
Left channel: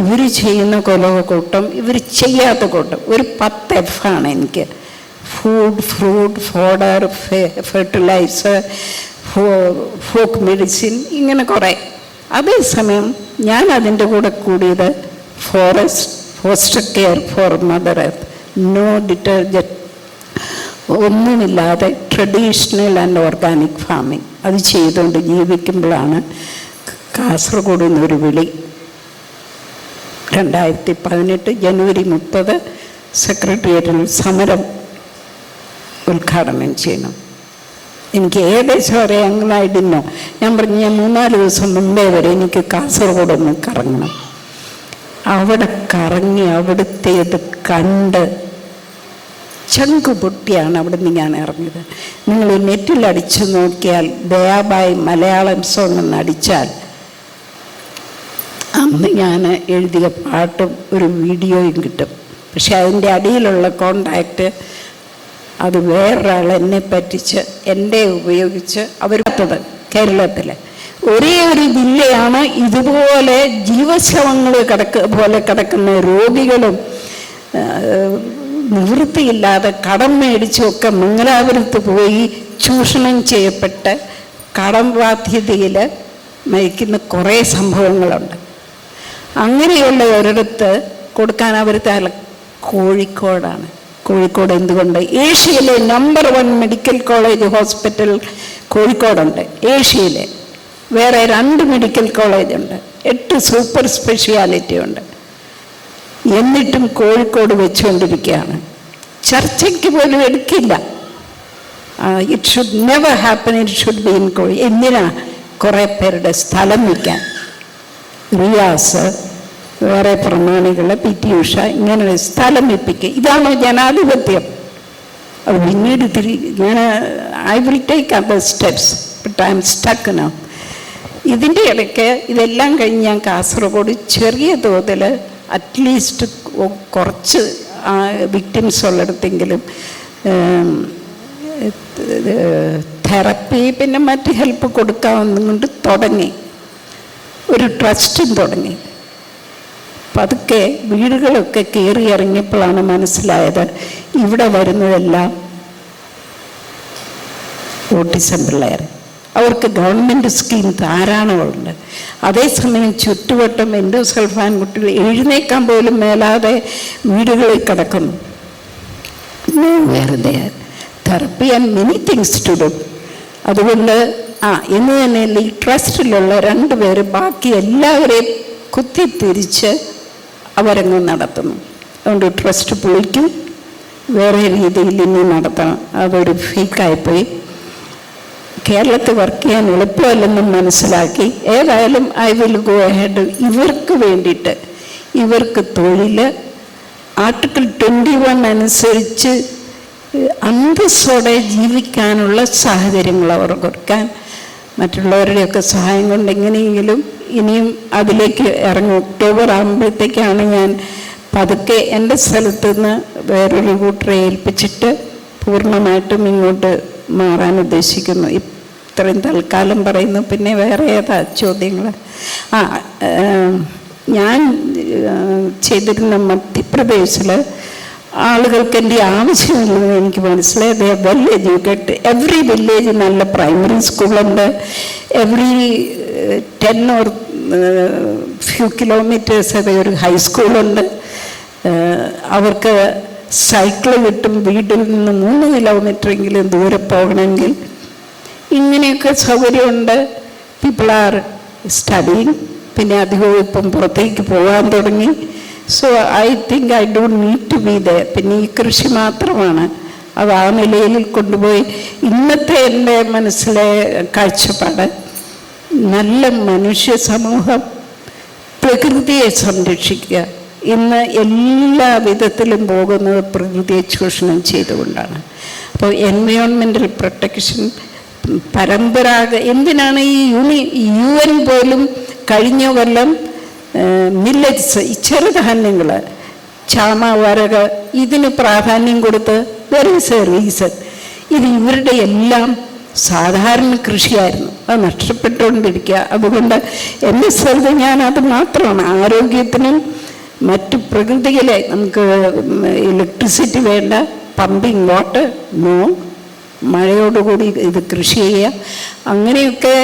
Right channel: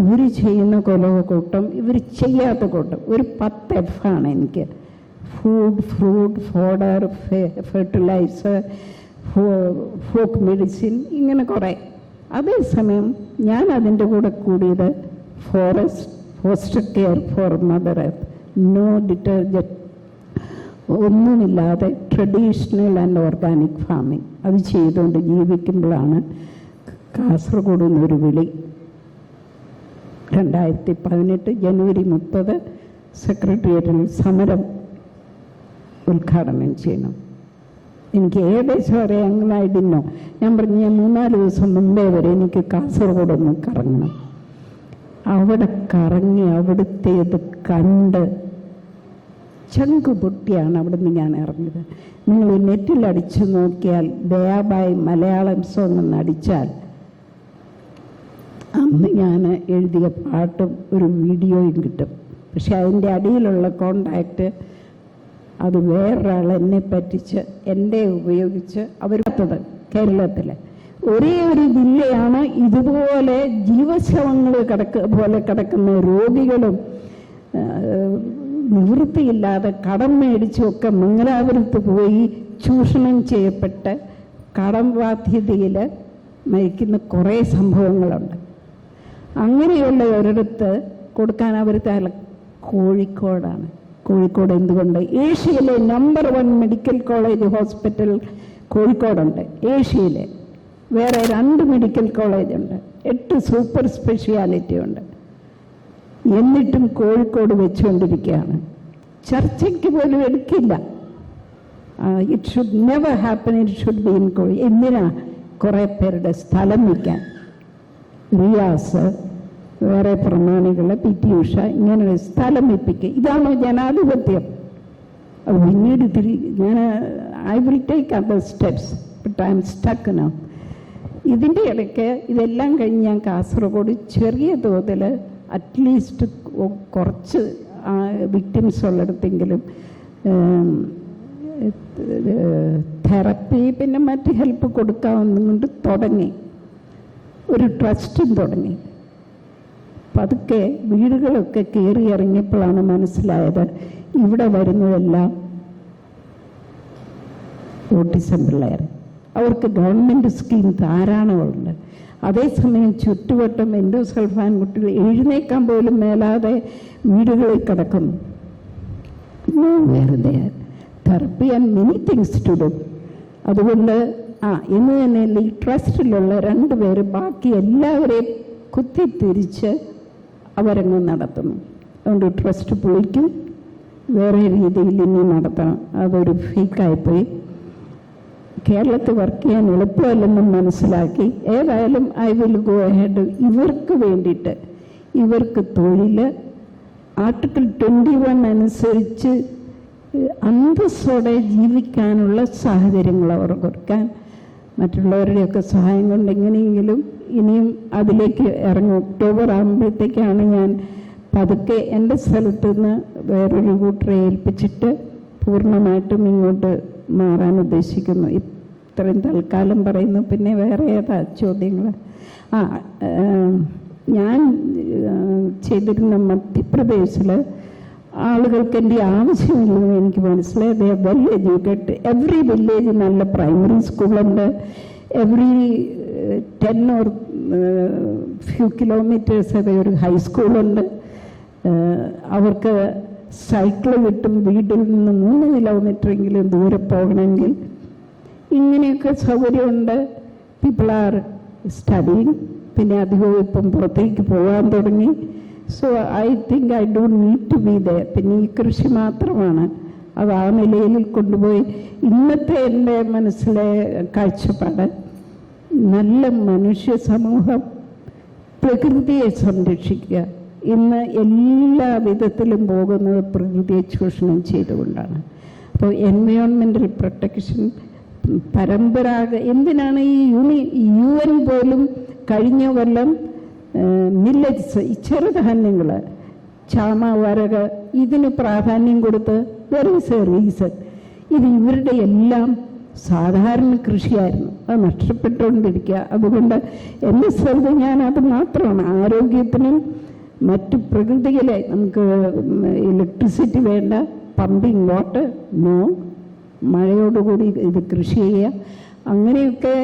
ഇവർ ചെയ്യുന്ന കൊലകൂട്ടം, ഇവർ ചെയ്യാത്ത കൂട്ടം. ഒരു 10 F ആണ് എനിക്ക്. Food, fruit, fodder, fertiliser, folk medicine, ഇങ്ങനെ കുറേ. അതേസമയം ഞാൻ അതിൻ്റെ കൂടെ കൂടിയത് foster care for mother earth, no detergent, ഒന്നുമില്ലാതെ ട്രഡീഷണൽ ആൻഡ് ഓർഗാനിക് ഫാമിങ്. അത് ചെയ്തുകൊണ്ട് ജീവിക്കുമ്പോഴാണ് കാസർഗോഡ് നിന്നൊരു വിളി. 2018 ജനുവരി 30 സെക്രട്ടേറിയറ്റിൽ സമരം ഉദ്ഘാടനം ചെയ്യണം. എനിക്ക് ഏകദേശം അറിയാമെങ്കിലായിട്ടില്ലോ. ഞാൻ പറഞ്ഞു ഞാൻ 3-4 ദിവസം മുമ്പേ വരെ എനിക്ക് കാസർഗോഡ് ഒന്ന് കറങ്ങണം. അവിടെ കറങ്ങി അവിടുത്തേത് കണ്ട് ചങ്ക് പൊട്ടിയാണ് അവിടെ നിന്ന് ഞാൻ ഇറങ്ങിയത്. നിങ്ങൾ നെറ്റിൽ അടിച്ചു നോക്കിയാൽ ദയാബായി മലയാളം സോങ് എന്ന് അടിച്ചാൽ അന്ന് ഞാൻ എഴുതിയ പാട്ടും ഒരു വീഡിയോയും കിട്ടും. പക്ഷെ അതിൻ്റെ അടിയിലുള്ള കോണ്ടാക്റ്റ് അത് വേറൊരാൾ എന്നെ പറ്റിച്ച് എൻ്റെ ഉപയോഗിച്ച് അവരത്തത് കേരളത്തിൽ ഒരേ ഒരു ജില്ലയാണ് ഇതുപോലെ ജീവശവങ്ങൾ പോലെ കിടക്കുന്ന രോഗികളും നിവൃത്തിയില്ലാതെ കടം മേടിച്ചുമൊക്കെ മംഗലാപുരത്ത് പോയി ചൂഷണം ചെയ്യപ്പെട്ട് കടം ബാധ്യതയിൽ മരിക്കുന്ന കുറേ സംഭവങ്ങളുണ്ട്. അങ്ങനെയുള്ള ഒരിടത്ത് കൊടുക്കാൻ അവർ കോഴിക്കോടാണ്. കോഴിക്കോട് എന്തുകൊണ്ട്? ഏഷ്യയിലെ നമ്പർ 1 മെഡിക്കൽ കോളേജ് ഹോസ്പിറ്റൽ കോഴിക്കോടുണ്ട്. ഏഷ്യയിലെ വേറെ 2 മെഡിക്കൽ കോളേജുണ്ട്, 8 സൂപ്പർ സ്പെഷ്യാലിറ്റി ഉണ്ട്. എന്നിട്ടും കോഴിക്കോട് വെച്ചുകൊണ്ടിരിക്കുകയാണ്. ചർച്ചയ്ക്ക് പോലും എടുക്കില്ല. It should never happen, it should be in എന്തിനാ കുറേ പേരുടെ സ്ഥലം വിൽക്കാൻ? റിയാസ്, വേറെ പ്രമാണികൾ, PT ഉഷ, ഇങ്ങനെ സ്ഥലം വിൽപ്പിക്കുക. ഇതാണോ ജനാധിപത്യം? അത് പിന്നീട് I will take other steps, but I M stuck now. ഇതിൻ്റെ ഇടയ്ക്ക് ഇതെല്ലാം കഴിഞ്ഞ് ഞാൻ കാസർഗോഡ് ചെറിയ തോതിൽ അറ്റ്ലീസ്റ്റ് കുറച്ച് വിക്ടിംസ് ഉള്ളിടത്തെങ്കിലും തെറപ്പി പിന്നെ മറ്റ് ഹെൽപ്പ് കൊടുക്കാവുന്നതുകൊണ്ട് തുടങ്ങി. ഒരു ട്രസ്റ്റും തുടങ്ങി. പതുക്കെ വീടുകളൊക്കെ കയറി ഇറങ്ങിയപ്പോഴാണ് മനസ്സിലായത് ഇവിടെ വരുന്നതെല്ലാം ഓട്ടിസം പിള്ളേർ. അവർക്ക് ഗവൺമെൻറ് സ്കീം ധാരാളമുണ്ട്. അതേസമയം ചുറ്റുവട്ടം എൻഡോസൾഫാൻ കുട്ടികൾ എഴുന്നേക്കാൻ പോലും മേലാതെ വീടുകളിൽ കിടക്കുന്നു. വെറുതെ therapy and many things to do. അതുകൊണ്ട് എന്ന് തന്നെയല്ല ഈ ട്രസ്റ്റിലുള്ള 2 പേര് ബാക്കി എല്ലാവരെയും കുത്തിത്തിരിച്ച് അവരങ്ങ് നടത്തുന്നു. അതുകൊണ്ട് ട്രസ്റ്റ് പൊളിക്കും, വേറെ രീതിയിൽ ഇനി നടത്തണം. അതൊരു ഫേക്കായിപ്പോയി. കേരളത്തിൽ വർക്ക് ചെയ്യാൻ എളുപ്പമല്ലെന്നും മനസ്സിലാക്കി. ഏതായാലും ഐ വിൽ ഗോ അഹെഡ്. ഇവർക്ക് വേണ്ടിയിട്ട്, ഇവർക്ക് തൊഴിൽ ആർട്ടിക്കിൾ 21 അനുസരിച്ച് അന്തസ്സോടെ ജീവിക്കാനുള്ള സാഹചര്യങ്ങൾ അവർ കൊടുക്കാൻ, മറ്റുള്ളവരുടെയൊക്കെ സഹായം കൊണ്ട് എങ്ങനെയെങ്കിലും ഇനിയും അതിലേക്ക് ഇറങ്ങും. ഒക്ടോബർ ആകുമ്പോഴത്തേക്കാണ് ഞാൻ പതുക്കെ എൻ്റെ സ്ഥലത്ത് നിന്ന് വേറൊരു കൂട്ടരെ ഏൽപ്പിച്ചിട്ട് പൂർണ്ണമായിട്ടും ഇങ്ങോട്ട് മാറാൻ ഉദ്ദേശിക്കുന്നു. ഇത്രയും തൽക്കാലം പറയുന്നു. പിന്നെ വേറെ ഏതാ ചോദ്യങ്ങൾ? ഞാൻ ചെയ്തിരുന്ന മധ്യപ്രദേശിൽ ആളുകൾക്ക് എൻ്റെ ആവശ്യമില്ലെന്ന് എനിക്ക് മനസ്സിലായി. They are well educated. Every village നല്ല പ്രൈമറി സ്കൂളുണ്ട്. എവറി 10 or few kilometers ഒരു ഹൈസ്കൂളുണ്ട്. അവർക്ക് സൈക്കിൾ കിട്ടും. വീട്ടിൽ നിന്ന് 3 കിലോമീറ്ററെങ്കിലും ദൂരെ പോകണമെങ്കിൽ ഇങ്ങനെയൊക്കെ സൗകര്യമുണ്ട്. People are studying. പിന്നെ അധികവും ഇപ്പം പുറത്തേക്ക് പോകാൻ തുടങ്ങി. So I think I don't need to be there. പിന്നെ ഈ കൃഷി മാത്രമാണ് അത് ആ നിലയിൽ കൊണ്ടുപോയി. ഇന്നത്തെ എൻ്റെ മനസ്സിലെ കാഴ്ചപ്പാട്, നല്ല മനുഷ്യ സമൂഹം പ്രകൃതിയെ സംരക്ഷിക്കുക. ഇന്ന് എല്ലാ വിധത്തിലും പോകുന്നത് പ്രകൃതിയെ ചൂഷണം ചെയ്തുകൊണ്ടാണ്. അപ്പോൾ എൻവയോൺമെൻ്റൽ പ്രൊട്ടക്ഷൻ എന്തിനാണ് ഈ UN പോലും കഴിഞ്ഞ കൊല്ലം മില്ലറ്റ്സ്, ഈ ചെറുധാന്യങ്ങൾ, ചാമ, വരക്, ഇതിന് പ്രാധാന്യം കൊടുത്ത് ദെർ ഈസ് എ റീസൺ. ഇത് ഇവരുടെ എല്ലാം സാധാരണ കൃഷിയായിരുന്നു. അത് നഷ്ടപ്പെട്ടുകൊണ്ടിരിക്കുക. അതുകൊണ്ട് എൻ്റെ സ്ഥലത്ത് ഞാനത് മാത്രമാണ്. ആരോഗ്യത്തിനും മറ്റ് പ്രകൃതിയിലെ നമുക്ക് ഇലക്ട്രിസിറ്റി വേണ്ട, പമ്പിങ് വാട്ടർ നോ, മഴയോടുകൂടി ഇത് കൃഷി ചെയ്യുക. അങ്ങനെയൊക്കെ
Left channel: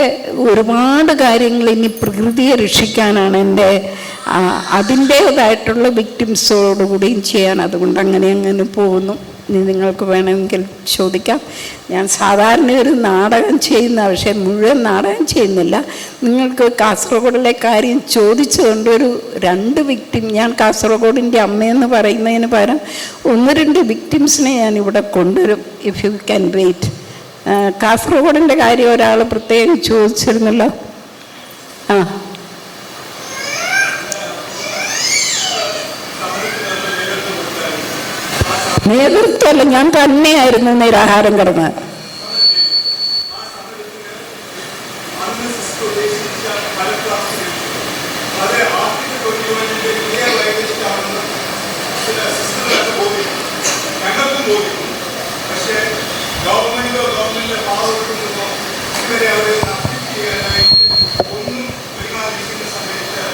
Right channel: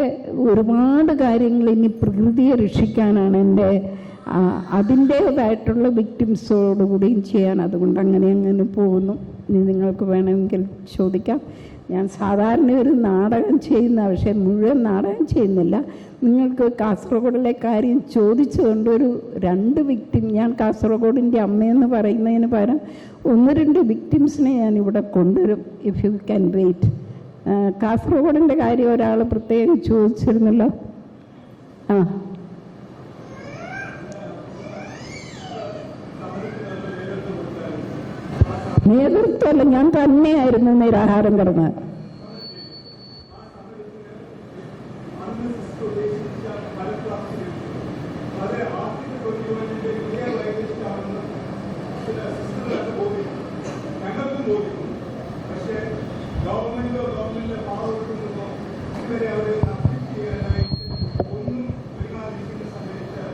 ഒരുപാട് കാര്യങ്ങൾ ഇനി പ്രകൃതിയെ രക്ഷിക്കാനാണ് എൻ്റെ അതിൻ്റേതായിട്ടുള്ള വിക്ടിംസോടുകൂടിയും ചെയ്യാൻ. അതുകൊണ്ട് അങ്ങനെ പോകുന്നു. ഇനി നിങ്ങൾക്ക് വേണമെങ്കിൽ ചോദിക്കാം. ഞാൻ സാധാരണ ഒരു നാടകം ചെയ്യുന്ന, പക്ഷേ മുഴുവൻ നാടകം ചെയ്യുന്നില്ല. നിങ്ങൾക്ക് കാസർഗോഡിലെ കാര്യം ചോദിച്ചുകൊണ്ട് ഒരു 2 വിക്ടിം, ഞാൻ കാസർഗോഡിൻ്റെ അമ്മയെന്ന് പറയുന്നതിന് പകരം 1-2 വിക്ടിംസിനെ ഞാനിവിടെ കൊണ്ടുവരും. If you can wait. കാസർഗോഡിൻ്റെ കാര്യം ഒരാൾ പ്രത്യേകം ചോദിച്ചിരുന്നല്ലോ. നേതൃത്വമല്ല, ഞാൻ തന്നെയായിരുന്നു നിരാഹാരം കിടന്നത്. അത് ആർട്ടിക്കിൾ 21-ന്റെ ക്ലിയർ ലൈസൻസ് ആണെന്ന് ചില സിസ്റ്റങ്ങളൊക്കെ ബോധിക്കും, ഞങ്ങൾക്കും ബോധിക്കും. പക്ഷേ ഗവൺമെന്റിന്റെ ഭാഗത്തുനിന്നോ ഇവരെ അവർ അപ്ഡേറ്റ് ചെയ്യാനായിട്ട് ഒന്നും പെരുമാറിയിരിക്കുന്ന സമയത്ത്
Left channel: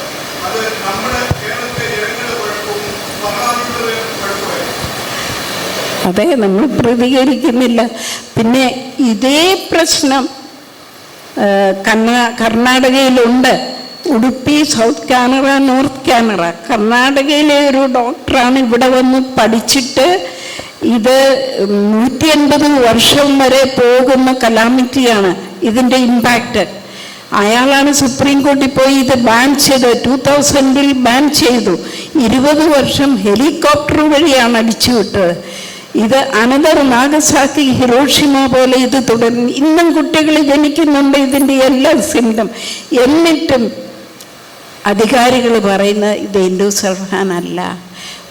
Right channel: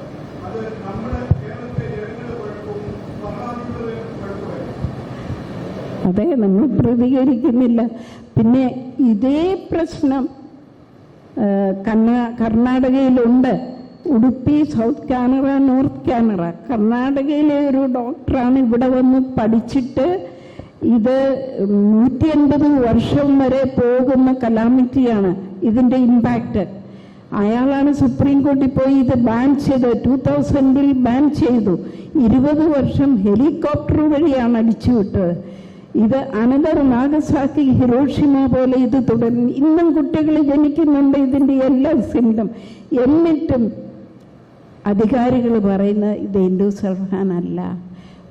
അത് നമ്മുടെ കേരളത്തിലെ ജനങ്ങളുടെ കുഴപ്പവും ഭരണാധികാരികളുടെ കുഴപ്പമായിരുന്നു. അതെ, നമ്മൾ പ്രതികരിക്കുന്നില്ല. പിന്നെ ഇതേ പ്രശ്നം കർണാടകയിലുണ്ട്. Udupi, South Canara, North Canara. കർണാടകയിലെ ഒരു ഡോക്ടറാണ് ഇവിടെ വന്ന് പഠിച്ചിട്ട് ഇത് 150 വർഷം വരെ പോകുന്ന കലാമിറ്റിയാണ് ഇതിൻ്റെ ഇമ്പാക്റ്റ്. അയാളാണ് സുപ്രീം കോടതി പോയി ഇത് ബാൻ ചെയ്ത് 2000-ൽ ബാൻ ചെയ്തു. 20 വർഷം ഹെലികോപ്റ്റർ വഴിയാണ് അടിച്ചുവിട്ടത്. ഇത് അനന്തർ നാഗസാക്കി, ഹിരോഷിമ പോലെ ഇത് തുടർന്ന് ഇന്നും കുട്ടികൾ ജനിക്കുന്നുണ്ട് ഇതിൻ്റെ എല്ലാ സിംറ്റം. എന്നിട്ടും അധികാരികൾ പറയുന്നത് ഇത് എൻഡോസൾഫാൻ അല്ല.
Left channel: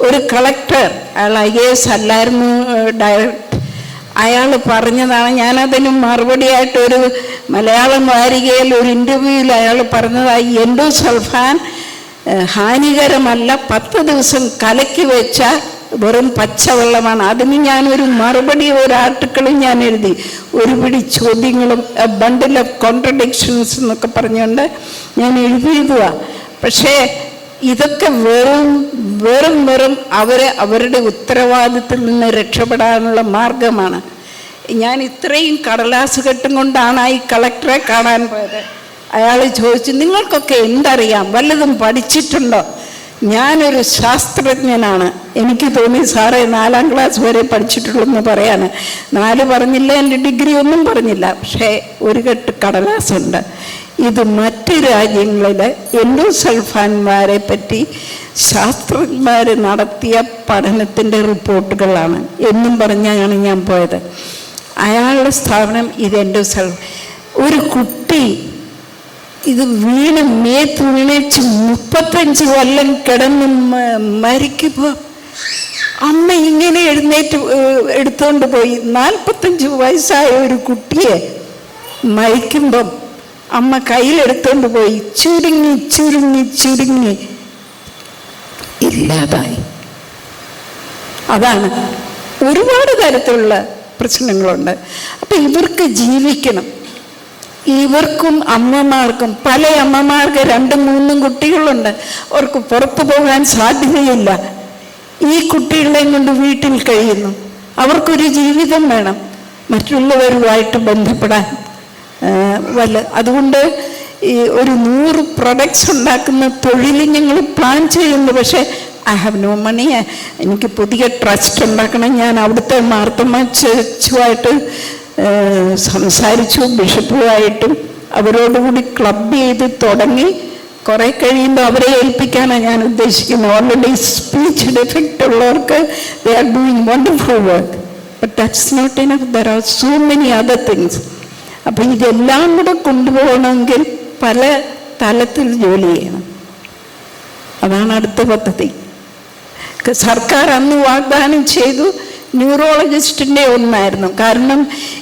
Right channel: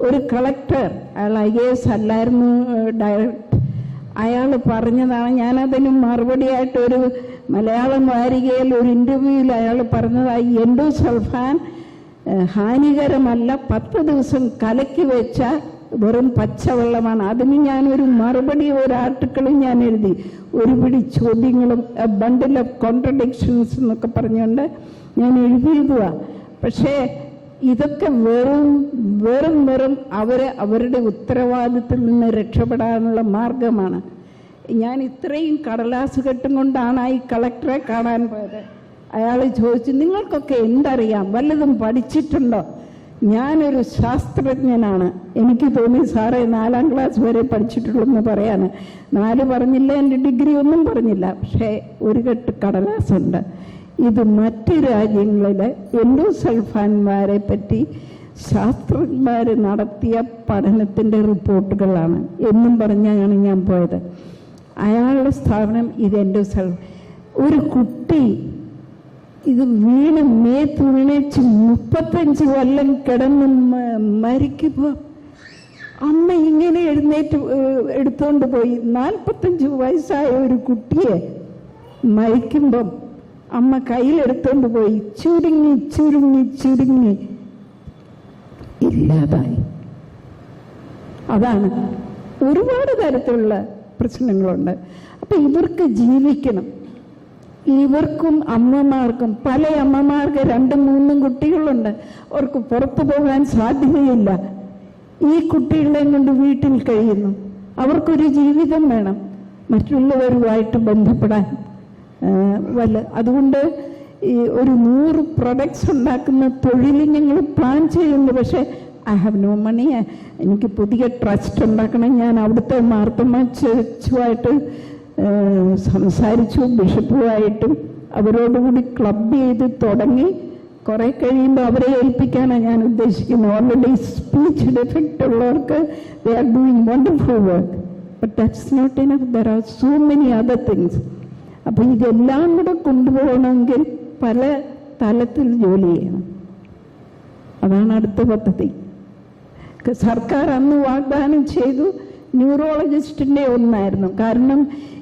ഒരു കളക്ടർ, അയാൾ IAS അല്ലായിരുന്നു, ഡയറക്റ്റ്, അയാൾ പറഞ്ഞതാണ്. ഞാനതിന് മറുപടിയായിട്ടൊരു മലയാളം വാരികയിൽ ഒരു ഇൻ്റർവ്യൂവിൽ അയാൾ പറഞ്ഞതായി എൻഡോസൾഫാൻ ഹാനികരമല്ല, 10 ദിവസം കലക്കി വെച്ച വെറും പച്ചവെള്ളമാണ്. അതിന് ഞാനൊരു മറുപടി, ഒരു ആർട്ടിക്കിളും ഞാൻ എഴുതി. ഒരു പിടി ചോദ്യങ്ങളും ബണ്ടിൽ ഓഫ് കോൺട്രഡിക്ഷൻസ് എന്നൊക്കെ പറഞ്ഞുകൊണ്ട് ഞാൻ എഴുതിയതുവാ. പക്ഷേ ഇതൊക്കെ വെറും അവരുടെ ഉത്തരവാദിത്തത്തിൽ നിന്ന് രക്ഷപ്പെടാനുള്ള മാർഗമാണ്. ഞാൻ ഇത്രയും കടലാസ് കെട്ടും കൊണ്ടാണ് ഈ കളക്ടറെ കാണാൻ പോയത്. അയാൾ ചോദിച്ചു, നിങ്ങൾക്കൊക്കെ എന്തറിയാം, വല്ലതും പഠിച്ചിട്ടുണ്ടോ? ഞാനൊരു ശാസ്ത്രജ്ഞനാണ്. എനിക്ക് തോന്നി സാറേ 4ാം ക്ലാസ് വരെ പഠിച്ചിട്ടുള്ളൂ എന്ന് പറയാണ്. 4 പറഞ്ഞില്ല, എൻ്റെ ഡിഗ്രി ഒന്നും പറഞ്ഞില്ല. പക്ഷേ ഒരു കെട്ട് കടലാസുണ്ട്. ഇത് മറ്റ് രാജ്യങ്ങളിൽ എൻഡോസൾഫാൻമാരെ പറ്റി ശാസ്ത്രജ്ഞന്മാർ നടത്തിയ പഠനത്തിൻ്റെ റിപ്പോർട്ടുകളാണ് എന്നും പറഞ്ഞാണ് ഞാൻ പോയത്. അയാളുടെ സ്ഥാപനം ഇത് എൻഡോസൾഫാൻ. ഒരു കുട്ടി ഇത് മേത്ത് വീണേച്ച് 35 കൊല്ലം കിടന്ന് മരിക്കുമ്പോൾ അമ്മ ഇങ്ങനെ എഴുന്നേറ്റ് എടുത്തുകൊണ്ട് പോയി. 45 വയസ്സായ ഒരു കുട്ടിയെ മരിക്കുമ്പം അമ്മ കയ്യിലെടുത്തുകൊണ്ട് പോയി ചുരുങ്ങി ഇല്ലാതായി. അതാണ്. ഒരുപാട് തരത്തിലുള്ള പ്രശ്നങ്ങളുണ്ട്. അപ്പം ഇവർക്ക് ജീവിക്കണം. ഇവർക്കും അമ്മമാർക്കും, പല അമ്മമാർക്ക് 2-3 കുട്ടികളുണ്ട്. അവർക്ക് പുറത്തു പോകാൻ സാധ്യതയില്ല. ഈ കുട്ടികളെയും കൊണ്ട് വീട്ടിൽ കഴിയുന്നു. അവർക്കൊരു ജീവിതം വേണം, മറ്റുള്ളവരുമായിട്ട് ബന്ധപ്പെടാൻ അതുകൊണ്ട് ഈ ഒരു 100 പ്രൊഡക്ട്സ് ഉണ്ടാക്കുന്ന തൊഴിൽ ഞങ്ങൾ പ്ലാൻ ചെയ്യുന്നു. പക്ഷേ ഐ ഹാവ് നോ മണി. എനിക്ക് പുതിയ ട്രസ്റ്റ് ഉണ്ടാക്കണം. ഞാൻ അവിടുത്തെ മാർത്തമ്മ ചർച്ചുമായിട്ട് സംസാരിച്ചു, ബിഷപ്പുമായിട്ടും. അവരോടുകൂടി ക്ലബ് ചെയ്ത് തുടങ്ങി. കുറേ കഴിയുമ്പോൾ അവരെ ഏൽപ്പിക്കാനാണ് ഞാൻ ഉദ്ദേശിക്കുന്നത്. ഓൾറെഡി സ്പീച്ച് ഡിഫക്റ്റ് ഉള്ളവർക്ക് they are doing wonderful work. But that's not enough. There are so many other things. അപ്പം ഇതെല്ലാം കൂടെ കൊണ്ടുപോകണമെങ്കിൽ പല തലത്തിൽ ജോലി ചെയ്യണം. അതാണ് അടുത്ത പദ്ധതി. സർക്കാർ അന്ന് വാഗ്ദാനം ചെയ്തു ന്യൂറോളജിസ്റ്റിൻ്റെ ഒന്നായിരുന്നു. കാരണം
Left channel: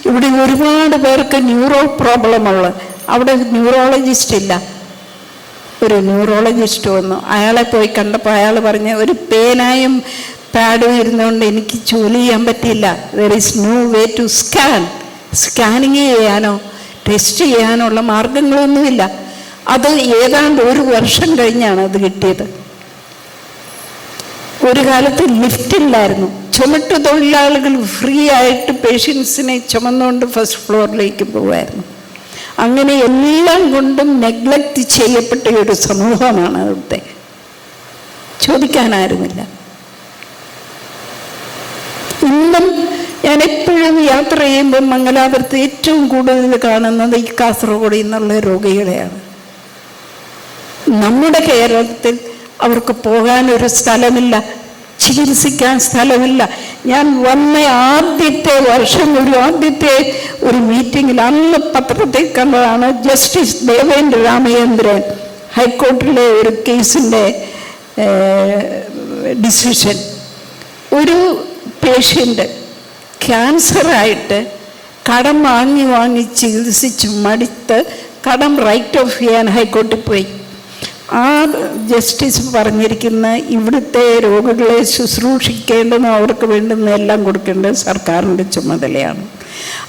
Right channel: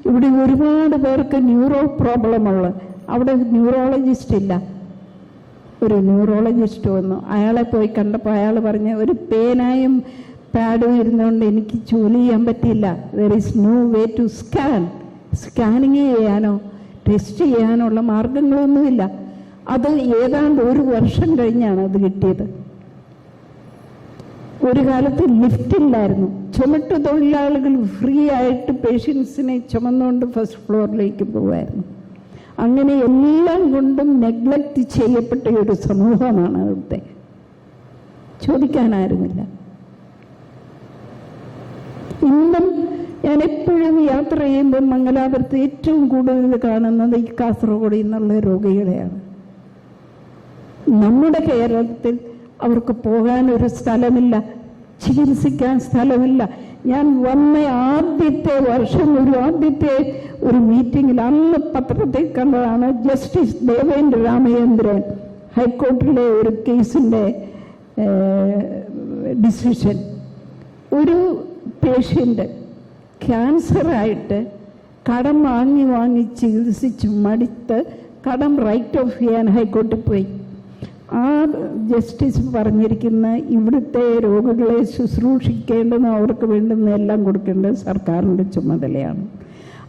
ഇവിടെ ഒരുപാട് പേർക്ക് ന്യൂറോ പ്രോബ്ലമുള്ള, അവിടെ ന്യൂറോളജിസ്റ്റ് ഇല്ല. ഒരു ന്യൂറോളജിസ്റ്റ് വന്നു. അയാളെ പോയി കണ്ടപ്പോൾ അയാൾ പറഞ്ഞ ഒരു പേനായും പാഡും ഇരുന്നുകൊണ്ട് എനിക്ക് ജോലി ചെയ്യാൻ പറ്റില്ല. There is no way to scanning ചെയ്യാനോ ടെസ്റ്റ് ചെയ്യാനുള്ള മാർഗങ്ങളൊന്നുമില്ല. അത് ഏതാണ്ട് 1 വർഷം കഴിഞ്ഞാണ് അത് കിട്ടിയത്. ഒരു കാലത്ത് ലിഫ്റ്റില്ലായിരുന്നു. ചുമട്ട് തൊഴിലാളികൾ ഫ്രീ ആയിട്ട് പേഷ്യൻസിനെ ചുമന്നുകൊണ്ട് ഫസ്റ്റ് ഫ്ലോറിലേക്ക് പോകുമായിരുന്നു. അങ്ങനെ എല്ലാം കൊണ്ടും നെഗ്ലക്റ്റ് ചെയ്യപ്പെട്ട ഒരു സമൂഹമാണ് അവിടുത്തെ. ചോദിക്കാനായിരുന്നില്ല. ഇന്നും ഞാൻ എപ്പോഴും യാത്ര ചെയ്യുമ്പോൾ മംഗലാപുരത്ത് ഏറ്റവും കൂടുതൽ കാണുന്നത് ഈ കാസർഗോഡ് നിന്നുള്ള രോഗികളെയാണ്. നമ്മുടെ കേരളത്തിൽ അവർക്ക് പോകാനൊരു സ്ഥലമില്ല, ചികിത്സിക്കാൻ സ്ഥലമില്ല. ഞാൻ വന്ന ആദ്യത്തെ വർഷം ആദ്യത്തെ ഒരു മീറ്റിങ്ങിൽ അന്ന് പത്രത്തിൽ കണ്ടതാണ് ജസ്റ്റിസ് ദേവേന്ദ്ര രാമചന്ദ്രൻ ഹൈക്കോടതിയിലെ ഒരു കേസിൻ്റെ ഡിസിഷൻ. ഒരു പേഷ്യൻ്റ് ക്യാൻസറായിട്ട് കടം വാങ്ങി ചികിത്സിച്ച് മടുത്ത് കടം റൈറ്റ് ഓഫ് ചെയ്യാൻ ഹൈക്കോടതിയിൽ പോയി. ആ ജസ്റ്റിസ് പറഞ്ഞിരിക്കുന്ന ഇവിടുത്തെ രോഗികളെ ശുശ്രൂഷിക്കേണ്ടതും അവർക്ക് വേണ്ടുന്ന എല്ലാം കൊടുക്കേണ്ടത് സർക്കാരിൻ്റെ ചുമതലയാണ്.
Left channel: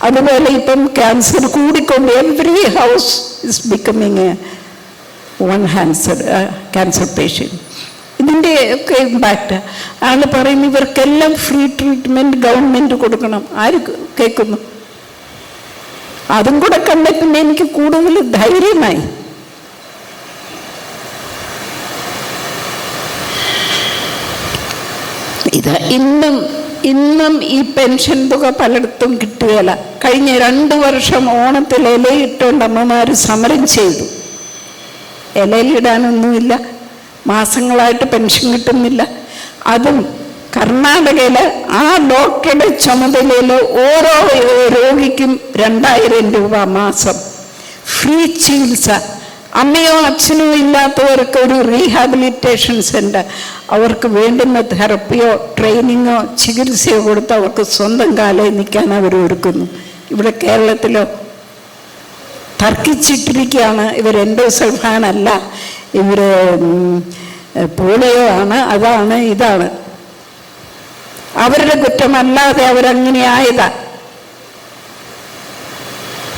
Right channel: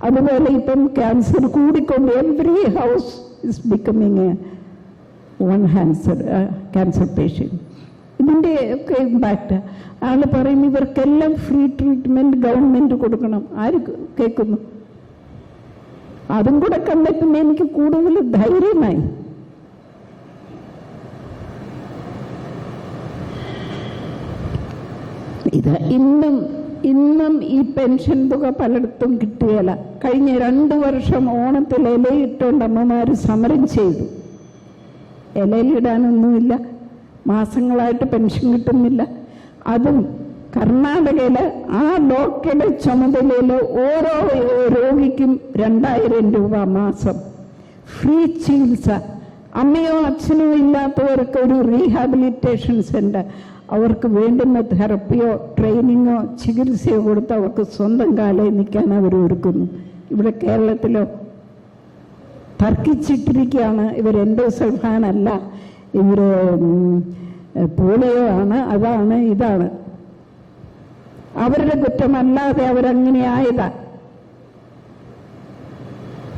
അതുപോലെ ഇപ്പം ക്യാൻസർ കൂടിക്കൊണ്ട് every house is becoming one cancer patient. ഇതിൻ്റെ ഒക്കെ ഇമ്പാക്റ്റ് ആൾ പറയുന്നു ഇവർക്കെല്ലാം ഫ്രീ ട്രീറ്റ്മെൻറ്റ് ഗവൺമെൻറ് കൊടുക്കണം. ആര് കേൾക്കുന്നു? അതും കൂടെ കണ്ടപ്പോൾ എനിക്ക് കൂടുതൽ ധൈര്യമായി. ഇത് ഇന്നും ഈ പെൻഷൻ തുക പലയിടത്തും കിട്ടുകയില്ല. കഴിഞ്ഞ 2 വർഷം ഓണത്തിൽ ഇലയിട്ടുകൊണ്ട് അമ്മമാർ സമരം ചെയ്തു. ഇലയിലിടാനൊന്നുമില്ല, മാസങ്ങളായിട്ട് പെൻഷൻ കിട്ടുന്നില്ല. അതും കർണാടകയിൽ ആ ഡോക്ടറുടെ ചുമതലയിൽ ഓരോ രോഗിക്കും 2000 രൂപ മാസം ഫ്രീ ചികിത്സ. അമ്മയോ അച്ഛനോ ഇല്ലാത്തവർക്ക് ഒരു റീഹാബിലിറ്റേഷൻ സെൻ്റർ, അവർക്ക് വേണ്ടുന്ന തെറപ്പിയോ ട്രെയിനിങ്ങോ ചികിത്സയോ കൊടുത്ത് അവർക്ക് സ്വന്തം കാലിൽ നിൽക്കാൻ അവർ ഒരുക്കുന്നു. ഇവിടെ കേരളത്തിലോ തർക്കിച്ചിട്ടിരിക്കുകയാണ്. ഇവർ എൻഡോസൾഫാൻ അല്ല, ഇവർ പോളിയോ ആണ്, അതാണ് ഇതാണ്. അവരുടെ കുറ്റമല്ലാതെ അവരങ്ങനെ ആയതാ.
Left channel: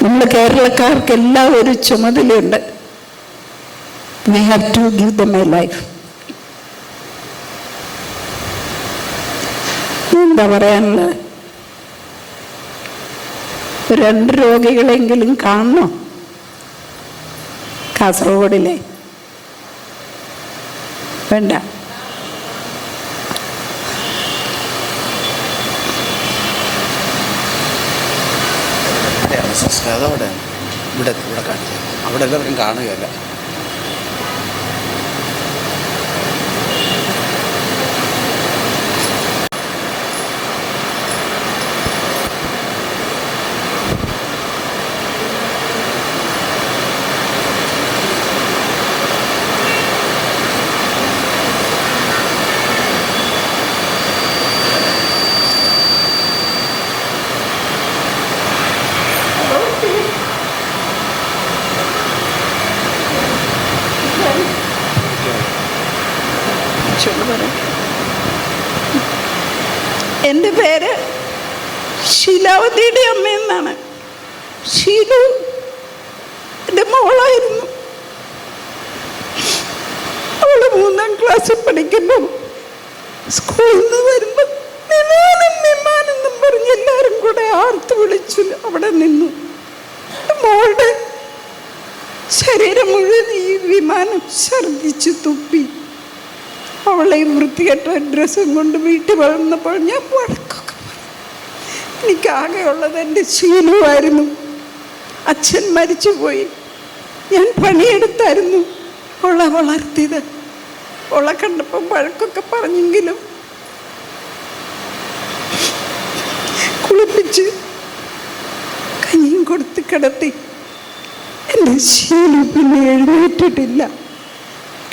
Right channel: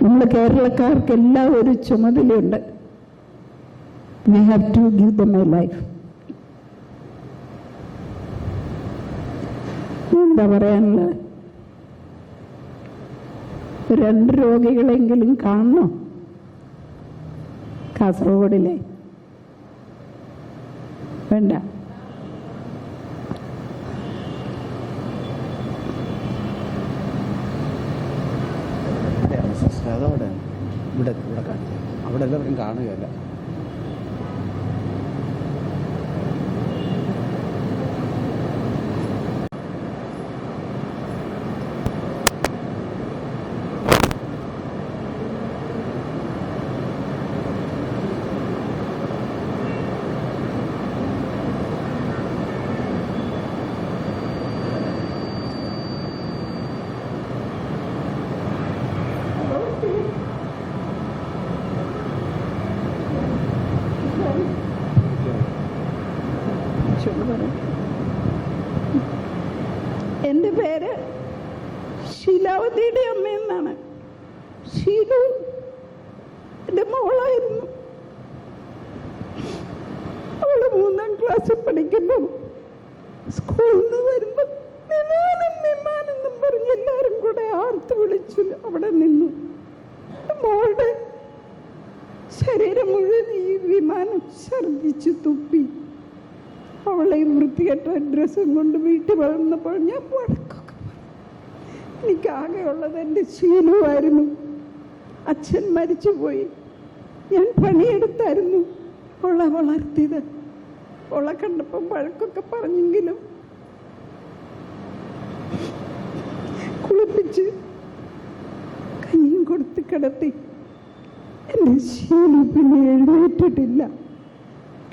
നമ്മൾ കേരളക്കാർക്കെല്ലാം ഒരു ചുമതലയുണ്ട്. We have to give them a life. എന്താ പറയാനുള്ളത്? 2 രോഗികളെങ്കിലും കാണണോ കാസർഗോഡിലെ? വേണ്ട. അതവിടെ ഇവിടെ കാണിക്കുക, അവിടെ എല്ലാവരും കാണുകയല്ല. എൻ്റെ പേര് ശീലാവതിയുടെ അമ്മയെന്നാണ്. ഷീലു എൻ്റെ മോളായിരുന്നു. അവള് 3ാം ക്ലാസ്സിൽ പഠിക്കുമ്പോൾ സ്കൂളിൽ നിന്ന് വരുമ്പോൾ വിമാനെന്നും പറഞ്ഞ് എല്ലാവരും കൂടെ ആർത്ത് വിളിച്ചു അവിടെ നിന്നു. മോളുടെ ശരീരം മുഴുവൻ ഈ വിമാനം ഛർദിച്ച് തുപ്പി. അവളെ വൃത്തികെട്ട ഡ്രസ്സും കൊണ്ട് വീട്ടിൽ വളർന്നപ്പോൾ ഞാൻ വഴക്കൊക്കെ പറഞ്ഞു. എനിക്കാകെയുള്ളത് എൻ്റെ ശീലമായിരുന്നു. അച്ഛൻ മരിച്ചുപോയി. ഞാൻ പണിയെടുത്തായിരുന്നു അവളെ വളർത്തിയത്. അവളെ കണ്ടപ്പം വഴക്കൊക്കെ പറഞ്ഞെങ്കിലും കുളിപ്പിച്ച് കഞ്ഞിയും കൊടുത്ത് കിടത്തി. എൻ്റെ ശീലു പിന്നെ എഴുന്നേറ്റിട്ടില്ല.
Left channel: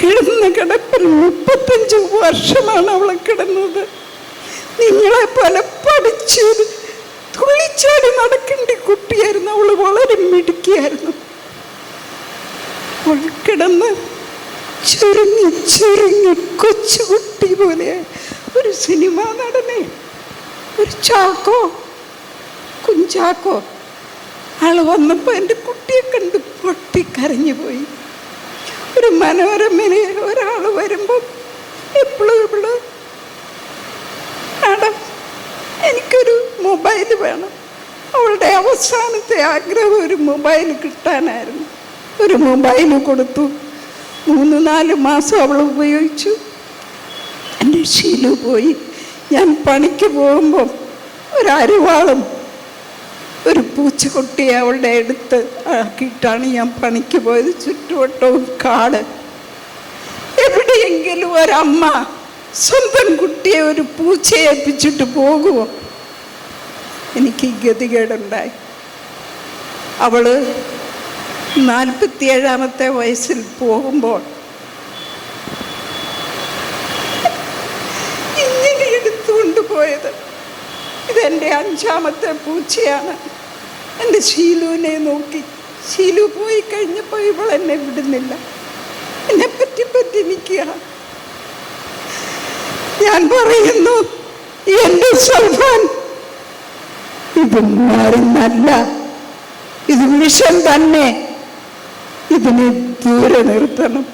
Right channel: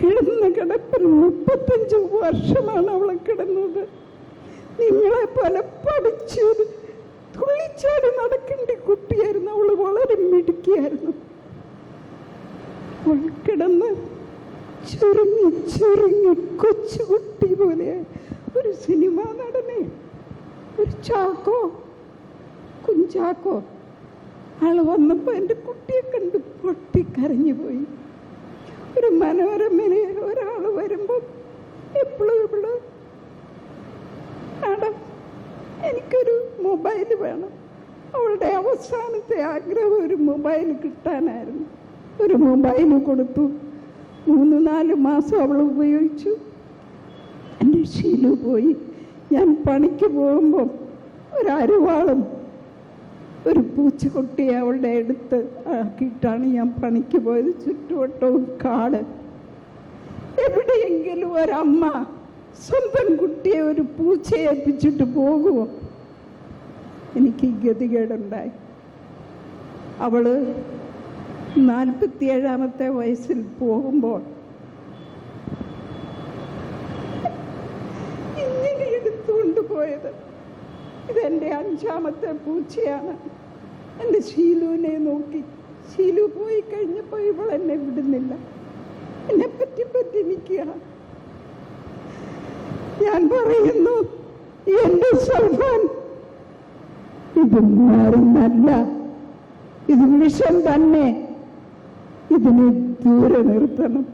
കിടന്ന കിടപ്പിൽ 35 വർഷമാണ് അവളെ കിടന്നത്. നിങ്ങളെ പോലെ പഠിച്ച് തുള്ളിച്ചാടി നടക്കേണ്ട കുട്ടിയായിരുന്നു. അവൾ വളരെ മിടുക്കിയായിരുന്നു. അവൾ കിടന്ന് ചുരുങ്ങി കൊച്ചുകുട്ടി പോലെ ഒരു സിനിമാ നടനെ, ഒരു കുഞ്ചാക്കോ ആള് വന്നപ്പോൾ എൻ്റെ കുട്ടിയെ കണ്ട് പൊട്ടിക്കരഞ്ഞു പോയി. ഒരു മനോരമയിൽ ഒരാൾ വരുമ്പോൾ എപ്പോഴും മാഡം എനിക്കൊരു മൊബൈൽ വേണം. അവളുടെ അവസാനത്തെ ആഗ്രഹം ഒരു മൊബൈൽ കിട്ടാനായിരുന്നു. ഒരു മൊബൈൽ കൊടുത്തു. 3-4 മാസം അവൾ ഉപയോഗിച്ചു. എൻ്റെ ശീലു പോയി. ഞാൻ പണിക്ക് പോകുമ്പോൾ ഒരു അരിവാളും ഒരു പൂച്ചക്കുട്ടിയെ അവളുടെ അടുത്ത് ആക്കിയിട്ടാണ് ഞാൻ പണിക്ക് പോയത്. ചുറ്റുവട്ടവും കാട്. എവിടെയെങ്കിലും ഒരമ്മ സ്വന്തം കുട്ടിയെ ഒരു പൂച്ചയെ ഏൽപ്പിച്ചിട്ട് പോകുമോ? എനിക്ക് ഗതികേടുണ്ടായി. അവള് 47ാമത്തെ വയസ്സിൽ പോകുമ്പോൾ ഇങ്ങനെ എടുത്തുകൊണ്ട് പോയത്. ഇതെൻ്റെ 5ാമത്തെ പൂച്ചയാണ്. എൻ്റെ ശീലുവിനെ നോക്കി. ശീലു പോയി കഴിഞ്ഞപ്പോൾ ഇവൾ എന്നെ വിടുന്നില്ല. എന്നെപ്പറ്റി പറ്റി നിൽക്കുക. ഞാൻ പറയുന്നു, എൻ്റെ സൽമാൻ, ഇത് മരുന്നല്ല, ഇത് വിഷം തന്നെ. ഇതിനെ ദൂരെ നിർത്തണം.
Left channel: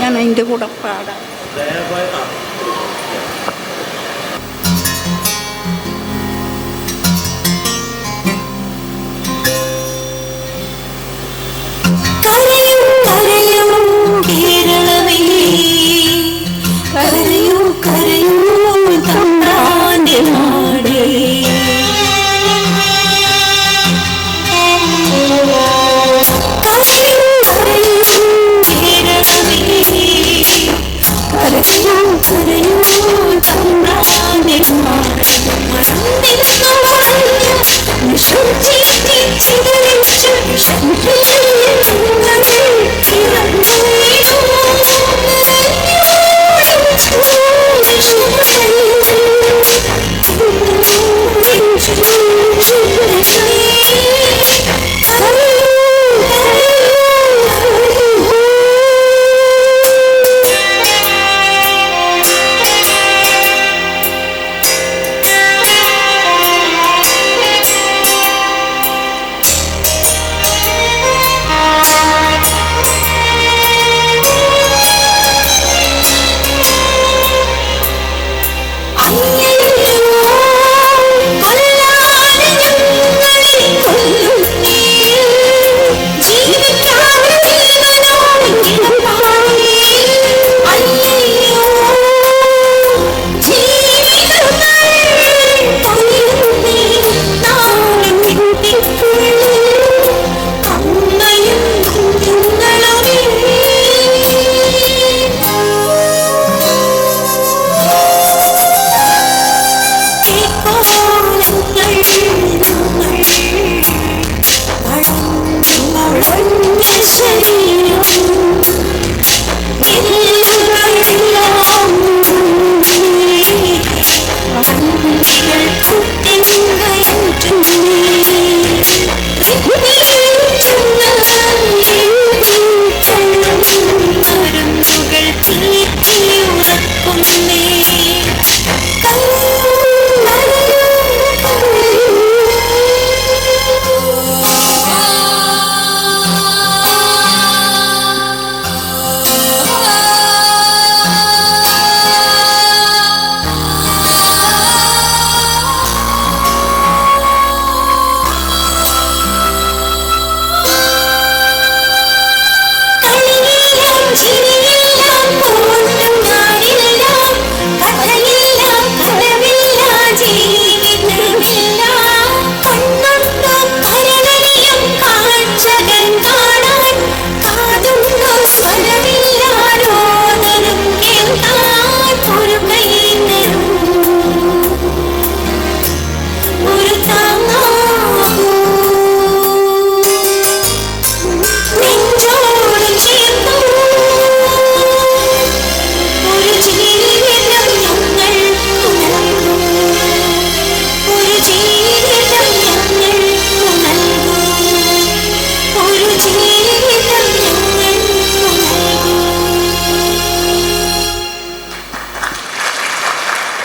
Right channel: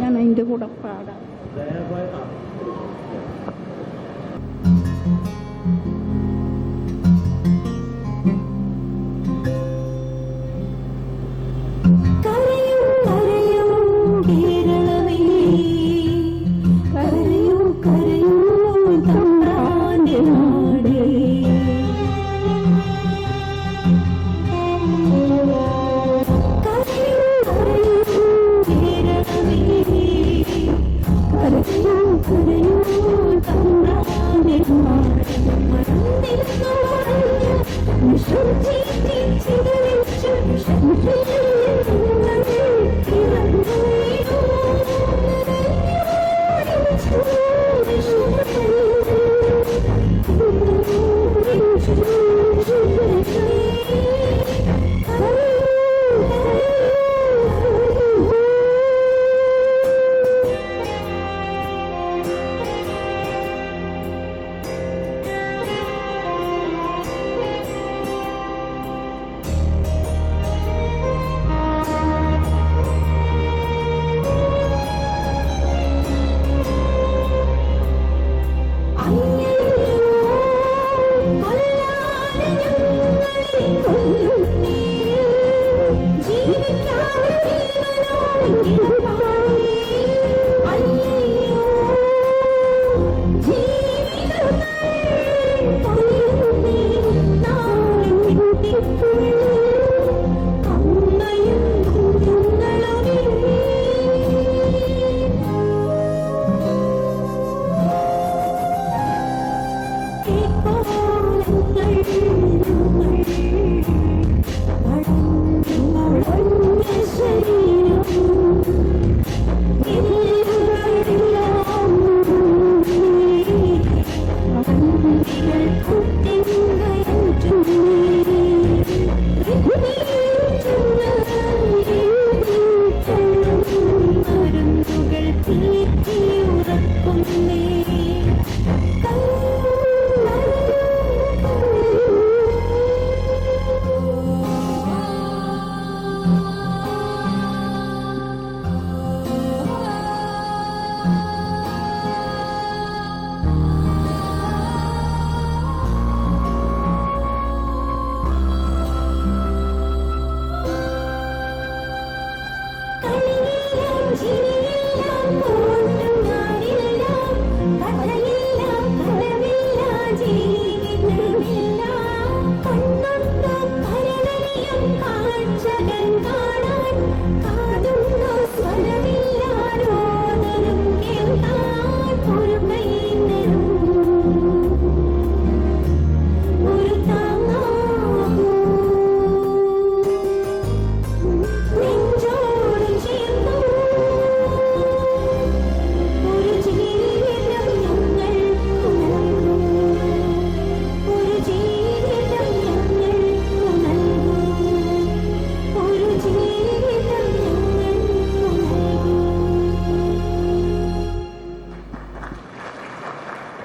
ഞാൻ അതിൻ്റെ കൂടെ പാടാം.